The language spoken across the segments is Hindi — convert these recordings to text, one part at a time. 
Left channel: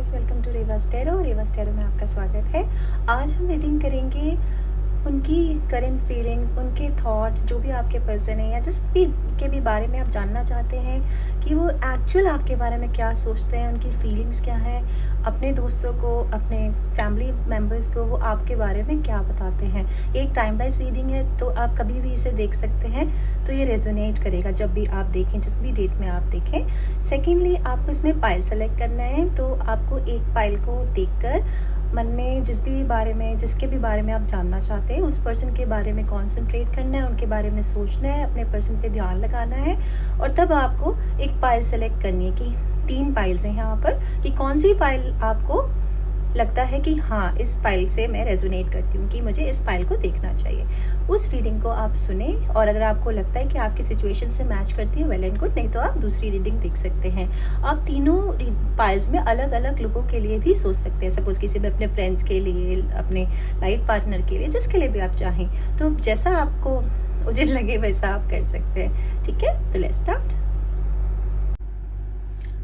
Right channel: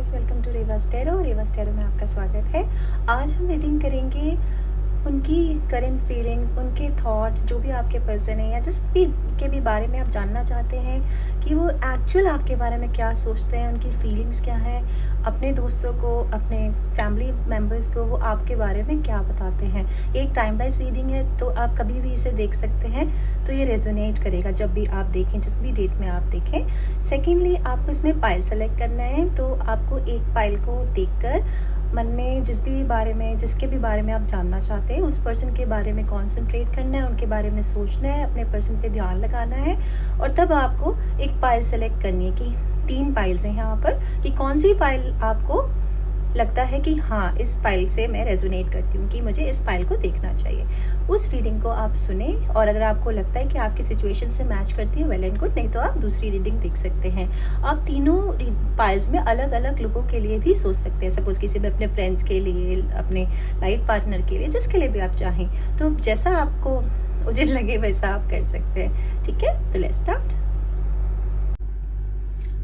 Guys, welcome to Revas tarot में आपका स्वागत है। आज हम रीडिंग करेंगे उनकी करंट फीलिंग्स, उनके थॉट, जो भी आपके पर्सन है या जिस भी के भी बारे में आप जानना चाहते हैं कि वो एक्चुअल आपके बारे में क्या सोचते हैं, उनकी फीलिंग्स क्या है, अपने दोस्तों को, अपने फैमिली मेम्बर्स को वो आपके बारे में क्या बताते हैं। एक टाइम वाइज रीडिंग है, तो आप कभी भी इसे देख सकते हैं, तो ये रेजोनेट करेगा जब भी आप देखें, जिस भी डेट में आप देखें। सेकेंडली, आपको इसमें पाइल सेलेक्ट करना है, तो आपको एक पाइल को देखकर मन में जिसके भी बारे में आप जानना चाहते हैं, उस पर्सन के बारे में कंसंट्रेट करना है, उनके बारे में सोचना है, अपने पर्सन पे ध्यान लगाना है, और तब आपको एक पाइल सेलेक्ट करनी है कि 3 पाइल्स हैं यहाँ पर, कि कौन सी पाइल आपको लगता है कि हाँ, इस पाइल से मैं रेजोनेट करती हूँ, कि मुझे इस पाइल को देखना चाहिए। उस रीडिंग को आप सुने, और अगर आपको लगता है कि आपकी सिचुएशन से मैच करती है, वेल एंड गुड, नहीं तो आप दूसरी रीडिंग देख सकते हैं। आप तीनों पाइल्स में अलग अलग लोगों के लिए भी सोच सकते हैं। सपोज किसी भी अपने फ्रेंड्स के लिए, अपने लाइफ पार्टनर के लिए, जिसके लिए भी आप चाहें, तो जैसा आपको उचित लगे वैसा आप कर सकते हैं। ठीक है, तो लेट्स स्टार्ट।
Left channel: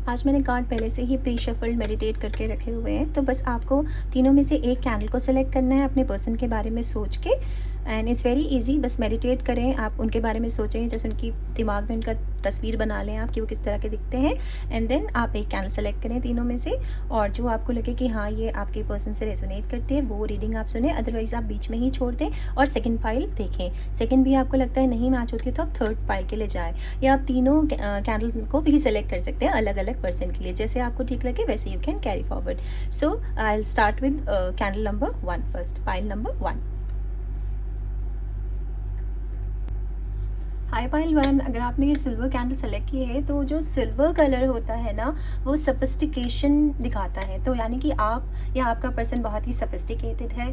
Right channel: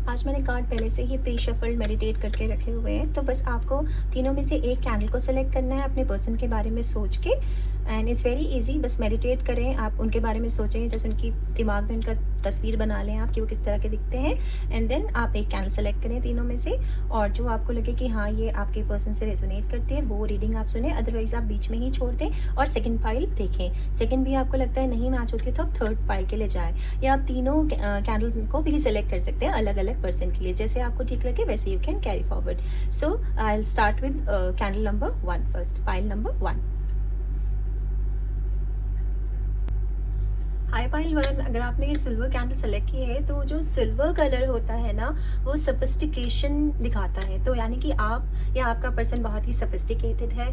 आज मैंने कार्ड पहले से ही प्री शफल्ड मेडिटेट करके रखे हुए हैं, तो बस आपको तीनों में से एक कैंडल को सेलेक्ट करना है अपने पर्सन के बारे में सोच के, एंड इट्स वेरी इजी। बस मेडिटेट करें, आप उनके बारे में सोचें, जैसे उनकी दिमाग में उनका तस्वीर बना लें आप कि वो किस तरह के दिखते हैं, एंड देन आप एक कैंडल सेलेक्ट करें तीनों में से, और जो आपको लगे कि हाँ, ये आपके पर्सन से रेजोनेट करते हैं, वो रीडिंग आप सुने। अदरवाइज आप बीच में ही छोड़ दें और सेकंड पाइल देखें। सेकंड भी आपको लगता है नहीं मैच होती, तो आप थर्ड पाइल के लिए जाएं, या आप तीनों कैंडल्स को भी सेलेक्ट कर सकते हैं अलग अलग पर्सन के लिए। जैसे आपको ठीक लगे वैसे you can carry forward. So I will start with candle number 1 first, pile number 1। High pile 1, अगर आपने ये सिल्वर कैंडल सेलेक्ट की है, तो जो सिल्वर कलर होता है ना, वो सफिस्टिकेशन दिखाता है। तो यानी कि आप या आपका पर्सन बहुत ही सफिस्टिकेटेड है,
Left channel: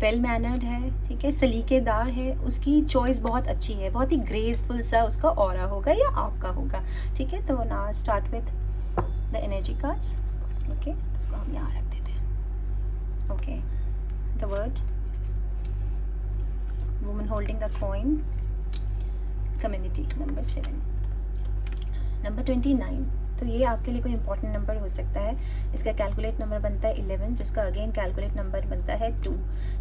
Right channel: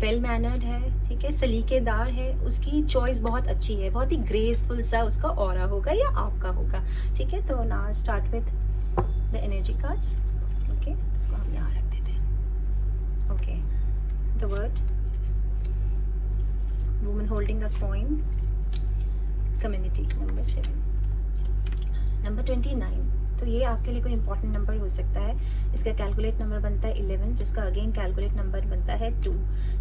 वेल मैनर्ड है, ठीक है, सलीकेदार है, उसकी चॉइस बहुत अच्छी है, बहुत ही ग्रेसफुल सा उसका ऑरा होगा या आपका होगा। ठीक है, तो ना start with the energy cards. Okay, उसको हम यहाँ रख देते हैं। Okay, the word woman holding the coin, community number 7, number 29। तो ये आपके लिए कोई इंपॉर्टेंट नंबर हो सकता है। इसका कैलकुलेट नंबर बनता है 11, जिसका अगेन कैलकुलेट नंबर बनता है 2।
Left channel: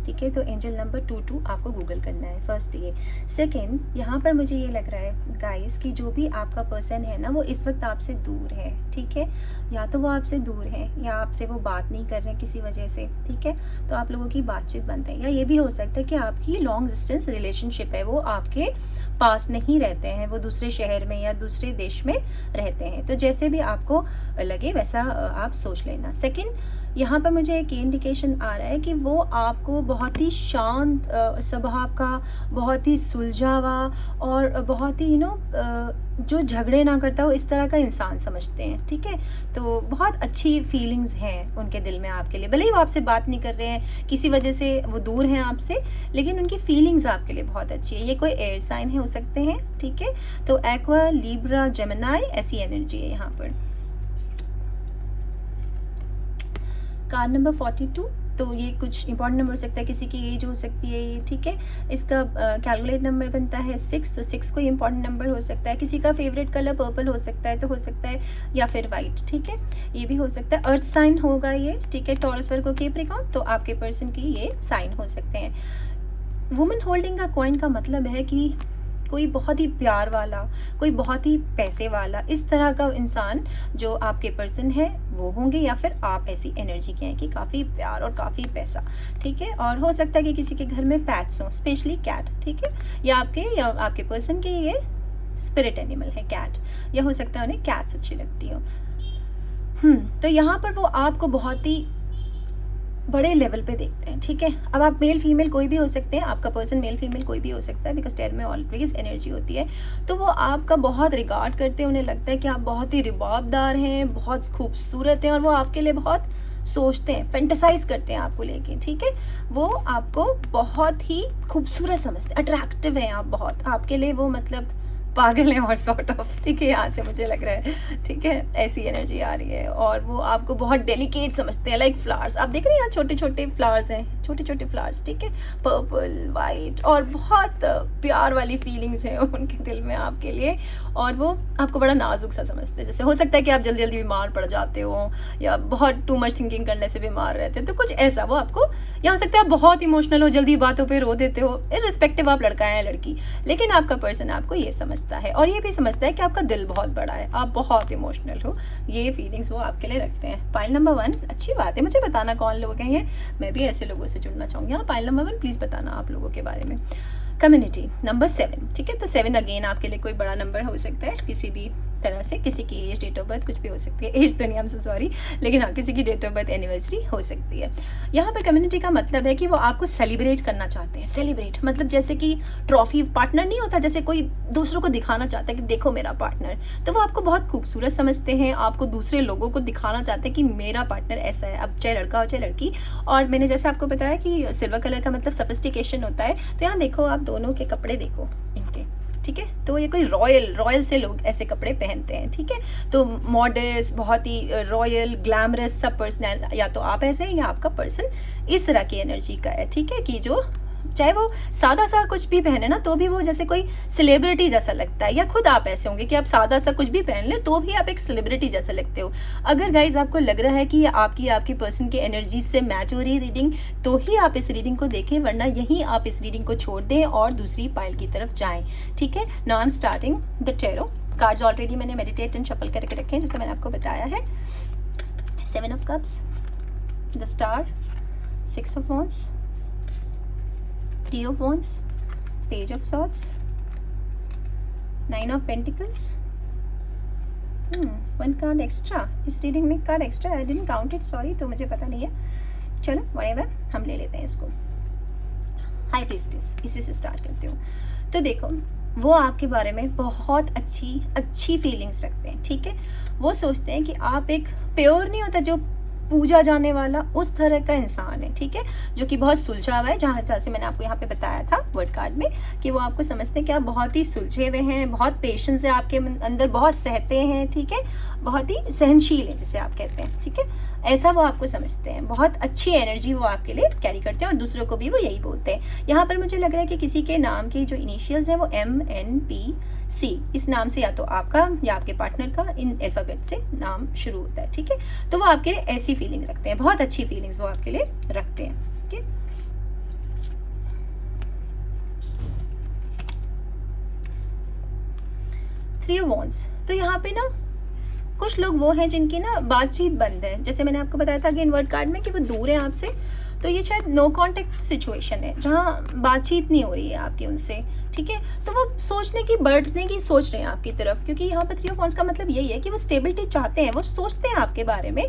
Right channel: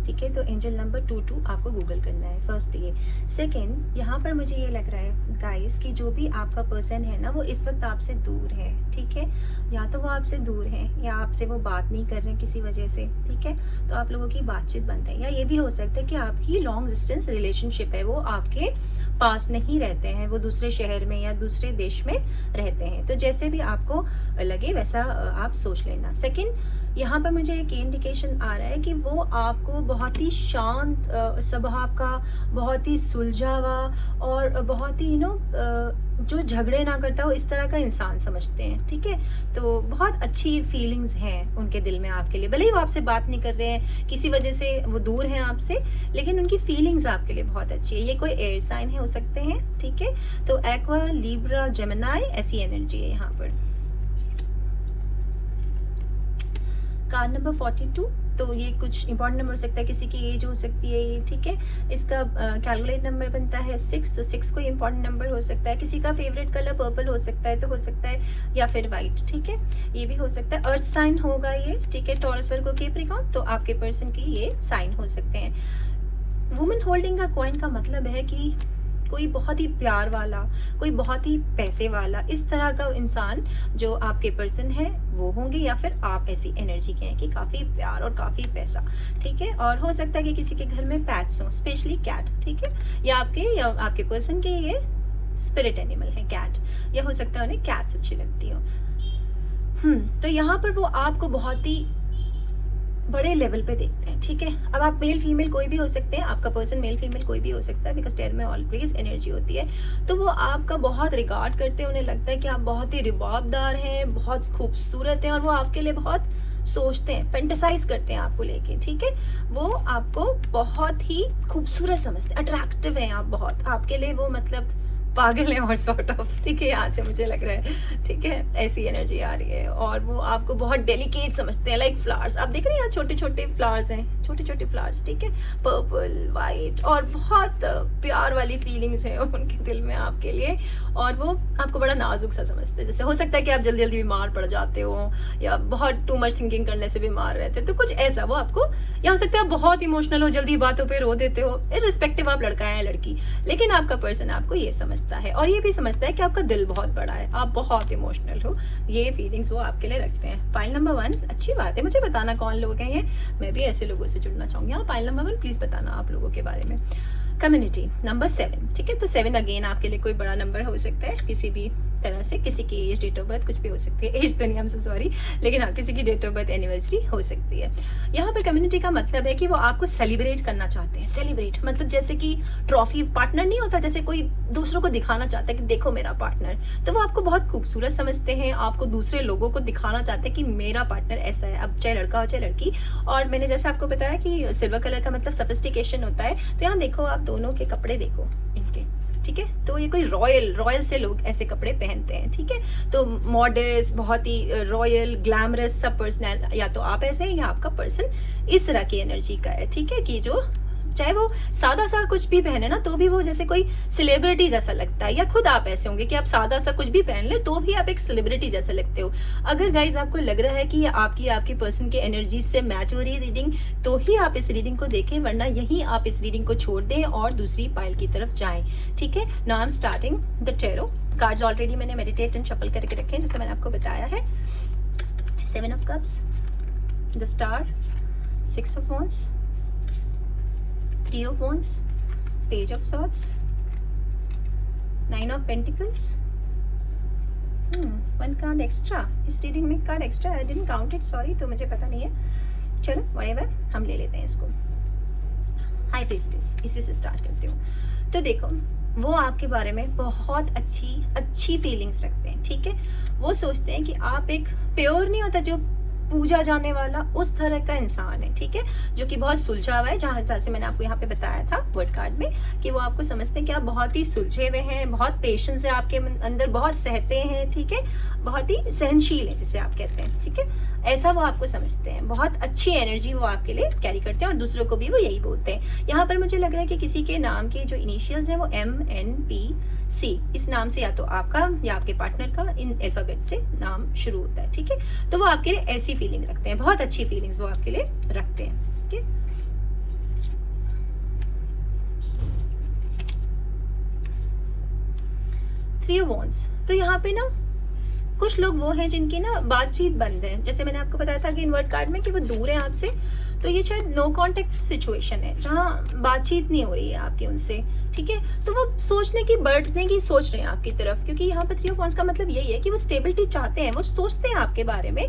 ठीक है, तो एंजल नंबर 22 आपको गूगल करना है फर्स्ट ये। सेकंड, यहाँ पर मुझे ये लग रहा है गाइस कि जो भी आपका पर्सन है ना, वो इस वक्त आपसे दूर है। ठीक है, या तो वो आपसे दूर है, या आपसे वो बात नहीं कर रहे हैं किसी वजह से। ठीक है, तो आप लोगों की बातचीत बंद है, या ये भी हो सकता है कि आपकी लॉन्ग डिस्टेंस रिलेशनशिप है, वो आपके पास नहीं रहते हैं, वो दूसरे शहर में या दूसरे देश में रहते हैं। तो जैसे भी आपको लगे वैसा आप सोच लेना। सेकंड, यहाँ पर मुझे एक इंडिकेशन आ रहा है कि वो आपको बहुत ही शांत स्वभाव का, बहुत ही सुलझा हुआ, और बहुत ही जो झगड़े ना करता हो, इस तरह का इंसान समझते हैं। ठीक है, तो बहुत अच्छी फीलिंग्स हैं उनके दिल में आपके लिए। भले ही वो आपसे बात नहीं कर रहे हैं, किसी वजह से वो दूर हैं आपसे, लेकिन उनकी फीलिंग्स आपके लिए बहुत अच्छी है। ये कोई एयर साइन है, हो सकते हैं। ठीक है, तो एक्वा, लिब्रा, जेमिनाई, ऐसी एनर्जी है यहाँ पर। कार्ड नंबर 42, तो ये कुछ इंपॉर्टेंट नंबर हो सकता है, किसी की एज हो सकती है ये। ठीक है, इसका कैलकुलेट नंबर बनता है 6, तो 6 कोई इंपॉर्टेंट नंबर हो सकता है। किसी का फेवरेट कलर पर्पल हो सकता है, तो हो सकता है, या फिर वाइट। ठीक है, ये भी हो सकता है। अर्थ साइन होगा ये। ठीक है, टॉरस, वर्गो, कैप्रिकॉर्न, तो आपके पर्सन की ये साइन हो सकते हैं। वुमन होल्डिंग का कॉइन का मतलब है कि कोई बहुत ही प्यार वाला, कोई बहुत ही पैसे वाला, इस तरह का इंसान जो आपके पर्सन है वो होंगे, या फिर आप ऐसी एनर्जी के हैं कि काफ़ी प्यार और काफ़ी पैसा। ठीक है, और हो सकता है कि किसी के घर में पैट्स हों, स्पेशली कैट। ठीक है, या आपके पर्सन के ये स्पिरिट एनिमल है कैट, या हो सकता है उन्हें कैट्स अच्छी लगती हो। तो यहाँ पर वो आपको बहुत ही बड़े लेवल पे देखते हैं। ठीक है, अब आप मेल फीमेल कोई भी हो सकते हैं, आपका पर्सन मेल फीमेल कोई भी हो सकता है, बिकॉज टेल में ऑलवेज एनर्जी होती है। तो वो आपका बहुत रिगार्ड करते हैं, उन्हें लगता है कि आप बहुत ही रिबाबदार हैं, बहुत खूबसूरत हैं, और वो आपके लिए बहुत सोचते हैं, फैंटेसाइज करते हैं आपको लेके। ठीक है, वो आपको बहुत ही खूबसूरत समझते हैं, अट्रैक्टिव है आप बहुत, आपके लिए वो मतलब पागल है और सॉर्ट ऑफ, ठीक है, यहाँ से मुझे लग रहा है, ठीक है, ऐसी एनर्जी आ रही है। और वो आपको बहुत डेलिकेट समझते हैं, लाइक फ्लावर्स, आप देख रहे हैं यहाँ छोटे छोटे फ्लावर्स हैं, छोटे छोटे फ्लावर्स, ठीक है, पर्पल वाइट, और बहुत प्यार वाली फीलिंग्स हैं उनके दिल में आपके लिए। और वो आपको बड़ा नाजुक सा समझते हैं, जैसे हो सकता है कि आप जल्दी जल्दी बीमार पड़ जाते हो या बहुत टू मच थिंकिंग करने से बीमार रहते हो, तो कुछ ऐसा वो आपको, या हो सकता है आप बहुत इमोशनल हो, जल्दी बातों पे रो देते हो, इर्रिस्पेक्टिव आप लड़का है या लड़की, लेकिन आपका पर्सन आपको ये समझता है और ये भी समझता है कि आपका दिल बहुत बड़ा है, आप बहुत इमोशनल हो। ये फीलिंग्स वो आपके लिए रखते हैं। पाइल नंबर 1, अच्छी बात है, मुझे बताना कौन लोग हैं ये, मैं भी ऐसे लोगों से जुड़ना चाहूँगी। हाँ, पाइल नंबर 1 प्लीज़ बताना आप लोगों के बारे में। कम्युनिटी नंबर 7, ठीक है, तो 7 अगेन आपके लिए कोई बड़ा नंबर हो सकता है किसी भी तरह से, किसी की एज, डेट ऑफ बर्थ, कुछ भी हो सकती है, एज तो नहीं, हम से सॉरी, लेकिन हाँ किसी की डेट ऑफ बर्थ, एनिवर्सरी हो सकती है। यहाँ पे कम्युनिटी का मतलब है कि वो आपको सेलिब्रेट करना चाहते हैं। सेलिब्रेट मतलब जैसे कि ट्रॉफी, पार्टनर नहीं होता, जैसे कोई दूसरों को दिखाना चाहता है कि देखो मेरा पार्टनर, तो वो आपको बहुत खूबसूरत समझते हैं, आपको दूसरे लोगों को दिखाना चाहते हैं कि मेरा पार्टनर ऐसा है, अब चाहे लड़का हो चाहे लड़की। और मैंने जैसे आपको बताया कि सिल्वर कलर का मतलब सोफिस्टिकेशन होता है, तो यहाँ देखो आप दोनों के कपड़े देखो इनके, ठीक है, तो ये कोई रॉयल से लोग ऐसे कपड़े पहनते हैं, ठीक है, तो मॉडर्स, बहुत ही रॉयल, ग्लैमरस सब पर्सन, या तो आप ऐसे हैं या आपका पर्सन इस तरह की एनर्जी का है, ठीक है, कि जो चाहे वो सादा सा कुछ भी पहने ना तो भी वो जैसे कोई सेलिब्रिटी जैसा लगता है, या खुद आप ऐसे होंगे कि आप सादा सा कुछ भी पहन ले तो भी आप एक सेलिब्रिटी जैसा लगते हो। अगर गाइज आपको लग रहा है कि ये आपके पर्सन की एनर्जी से मैच हो रही है रीडिंग, तो ही आप इस रीडिंग को देखें, वरना यहीं आप इस रीडिंग को छोड़ दें और दूसरी पाइल की तरफ जाएं, ठीक है। Now I am starting the tarot cards. Already मैंने मेडिटेट एंड शफल करके रखे हैं, जैसे मैंने आपको बताया है। 7 of cups, the star, 6 of wands, 3 of wands, page of swords, 9 of pentacles, 1 card extra, इस रीडिंग में card extra, I didn't count it, sorry, तो मुझे पता नहीं है, चलो व्हाटएवर, हम ले लेते हैं इसको। हाई प्रीस्टेस, इसी से स्टार्ट करती हूँ। तो देखो, वो आपके बारे में बहुत अच्छी फीलिंग्स रखते हैं, ठीक है, वो सोचते हैं कि आप एक प्योर नहीं होता जो पूजा जाने वाला, उस तरह का इंसान है, ठीक है, जो कि बहुत सुलझा हुआ है, जहाँ जैसे मैंने आपको यहाँ पे बताया था वर्ड कार्ड में कि वो आपको समझते हैं कि आप बहुत ही सुलझे हुए हैं, बहुत पेशेंस है आपके अंदर, बहुत सहते हैं, ठीक है, बहुत ही सहनशील है जिसे आप कहते हैं, ठीक है, ऐसा वो आपको समझते हैं। बहुत अच्छी एनर्जी वो आपके लिए कैरी करते हैं और दूसरों को भी वो यही बोलते हैं। यहाँ पर मुझे लग रहा है कि किसी के नाम की जो इनिशियल्स हैं वो MNPC, इस नाम से या तो आपका या आपके पार्टनर का इन अल्फाबेट से नाम शुरू होता है, ठीक है, तो वो आपके लिए ऐसी फीलिंग रखते हैं, बहुत अच्छी फीलिंग्स वो आपके लिए रखते हैं, ठीक है। थ्री ऑफ वॉन्ड्स, तो यहाँ पे ना कुछ लोग वो हैं जिनकी ना बातचीत बंद है, जैसे मैंने आपको बताया था कि इन वर्ड कार्ड में कि वो दूर है आपसे, तो ये शायद नो कांटेक्ट सिचुएशन है जहाँ बातचीत नहीं हो रही है आपकी उनसे, ठीक है, तो वो सोचने की, बढ़ने की सोच रहे हैं आपकी तरफ, क्योंकि यहाँ पे 3 ऑफ वॉन्ड्स का मतलब यही है कि वो स्टेबिलिटी चाहते हैं, वो सोचते हैं आपके बारे में,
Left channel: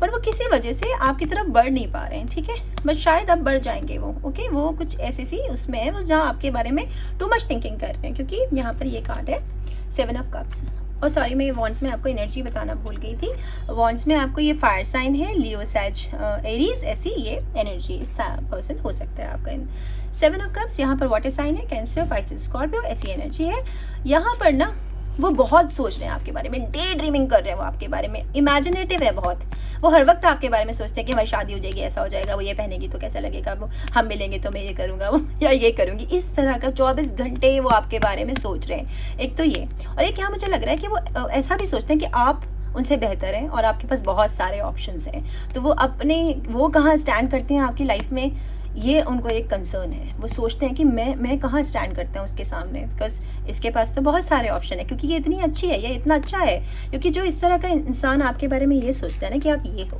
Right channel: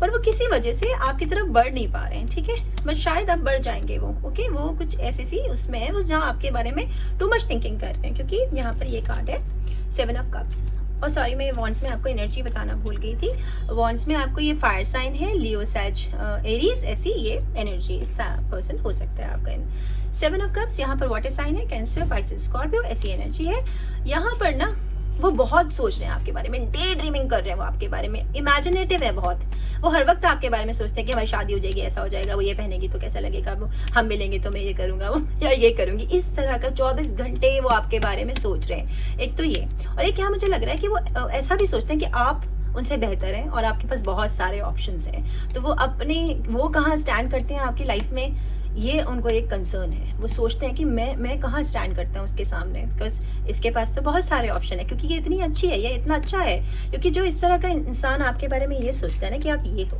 पर वो किसी वजह से आपकी तरफ बढ़ नहीं पा रहे हैं, ठीक है, बट शायद अब बढ़ जाएंगे वो, ओके, वो कुछ ऐसी सी उसमें है, उस जहाँ आपके बारे में टू मच थिंकिंग कर रहे हैं, क्योंकि यहाँ पर ये कार्ड है 7 ऑफ कप्स। और सॉरी, मैं वॉन्ड्स में आपको एनर्जी बताना भूल गई थी। वॉन्ड्स में आपको ये फायर साइन है, लियो, सैज, एरीज, ऐसी ये एनर्जी इस पर्सन हो सकता है आपका। इन 7 ऑफ कप्स, यहाँ पर वाटर साइन है, कैंसर, पाइसेस, स्कॉर्पियो, ऐसी एनर्जी है। यहाँ पर ना वो बहुत सोच रहे हैं आपके बारे में, डे ड्रीमिंग कर रहे हैं वो आपके बारे में, इमेजिनेटिव है बहुत, वो हर वक्त आपके बारे में सोचते हैं कि हमारी शादी हो जाएगी, ऐसा हो जाएगा, वो ये पहनेगी तो कैसा लगेगा, वो हम मिलेंगे तो मैं ये करूंगा, वो या ये करूंगी, इस तरह का 24 घंटे वो आपके बारे में सोच रहे हैं। एक तो ये, और एक यहाँ मुझे लग रहा है कि वो ऐसा भी सोचते हैं कि आप उनसे बेहतर हैं और आपके पास बहुत सारे ऑप्शंस हैं, तो वो कहाँ स्टैंड करते हैं आपकी लाइफ में, ये उनको एक कंसर्न है। वो सोचते हैं कि मैं कहाँ स्टैंड करता हूँ उसके सामने, बिकॉज इसके पास तो बहुत सारे ऑप्शन है, क्योंकि ये इतनी अच्छी है, ये इतना अच्छा है, क्योंकि जो इस तरह का इंसान आपके बारे में ये सोचता है ना कि आप ये हो,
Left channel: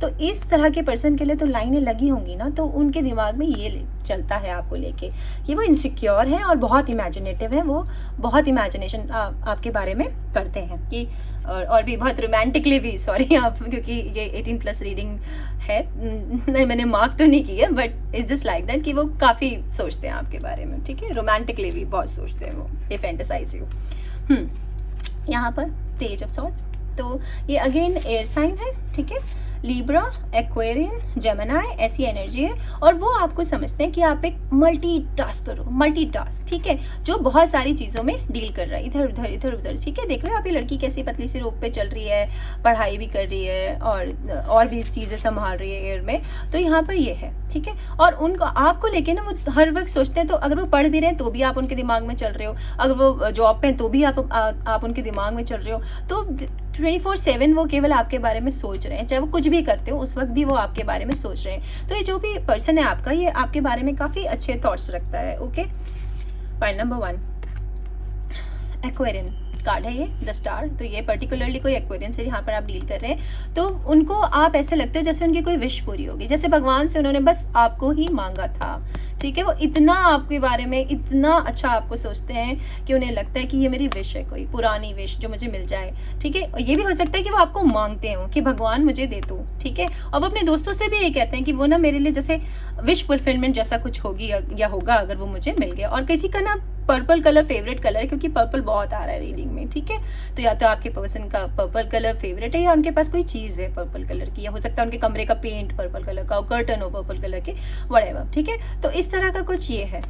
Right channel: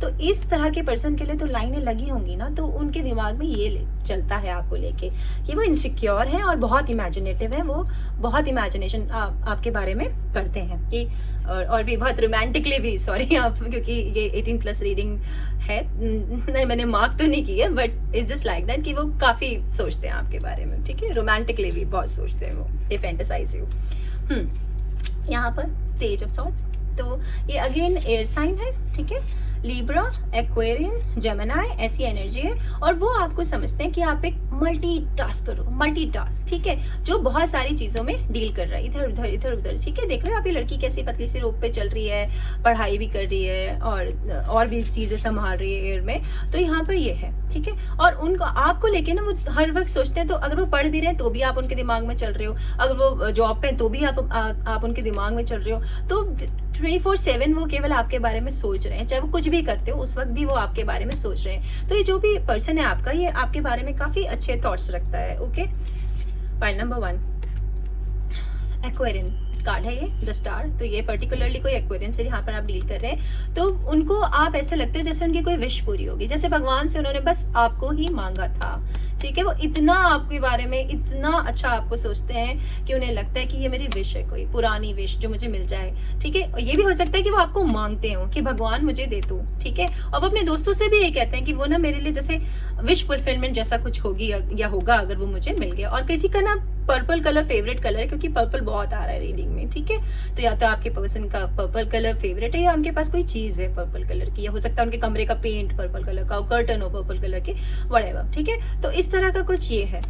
तो इस तरह के पर्सन के लिए तो लाइनें लगी होंगी ना, तो उनके दिमाग में ये चलता है आपको लेके कि वो इनसिक्योर है और बहुत इमेजिनेटिव है, वो बहुत इमेजिनेशन आपके बारे में करते हैं कि और भी बहुत रोमांटिकली भी, सॉरी आप, क्योंकि ये 18+ रीडिंग है, नहीं मैंने मार्क तो नहीं की है, but it's just like that कि वो काफ़ी सोचते हैं आपके बारे में, ठीक है, रोमांटिकली भी बहुत सोचते हैं वो, ये फैंटेसाइज यू। यहाँ पर पेज ऑफ सॉर्ड्स, तो ये अगेन एयर साइन है, ठीक है, लिब्रा, एक्वेरियन, जेमिनी, ऐसी एनर्जी है। और वो आपको समझते हैं कि आप एक मल्टीटास्कर हो, मल्टीटास्क, ठीक है, जो बहुत सारी चीज़ों में डील कर रहा है, इधर उधर इधर उधर, ठीक है। देख रहे हो आप ये लड़की कैसी पतली सी रोप पे चल रही है, पढ़ाई भी कर रही है और भी चीज़ें संभाल रही है एयर में, तो यहाँ पर ये है, ठीक है। और उनको आपको लेके ना वो हर वक्त सोचते हैं, तो अगर वो पढ़ भी रहे हैं तो भी आप उनके दिमाग में चल रहे हो, अगर वो जॉब पे हैं तो भी आप उनके दिमाग में चल रहे हो। तो 24/7 वो केवल आपके बारे में सोच रहे हैं, चाहे वो कुछ भी करते हो उस वक्त भी वो आपके बारे में सोच रहे हैं। तो ये जो भी पर्सन है आपका, ये आपके बारे में काफ़ी अच्छे थॉट्स रखता है। Okay, point number 1, Aquarian card है ये, द स्टार। तो ये पर्टिकुलरली कोई एक्वेरियन से यहाँ पर आप डील कर रहे हैं, तो उनको आप ऐसे लगते हैं जैसे उनकी कोई विश पूरी होगी, जैसे भगवान से उन्होंने बस आपको ही मांगा था, ठीक है। वो इतना आपके बारे में इतना अच्छा आपको सोचते हैं कि उन्हें लगता है कि ये मेरी विश है, कोई पुरानी विश जो मुझे मिल जाए, ठीक है। और ये भी हो सकता है कि वो आपको मांगते हो कि भगवान मुझे दे दो, ठीक है। और वो अपने दोस्तों से भी ये कहते हैं कि वो ना मेरे लिए जैसे विश फुलफिलमेंट जैसा कुछ होगी या होगा अगर वो मुझे मिल गया। और किसी का ना पर्पल कलर फेवरेट कलर है, क्योंकि पर्पल बहुत आ रहा है रीडिंग में, ठीक है। तो या तो आपके पर्सन का पर्पल कलर फेवरेट है, या उनके पास कोई चीज़ है पर्पल कलर की, या हो सकता है उनके कमरे का पेंट पर्पल कलर का, कर्टन हो पर्पल कलर के, व्हाटएवर, ठीक है। तो इस तरह का कुछ ये है,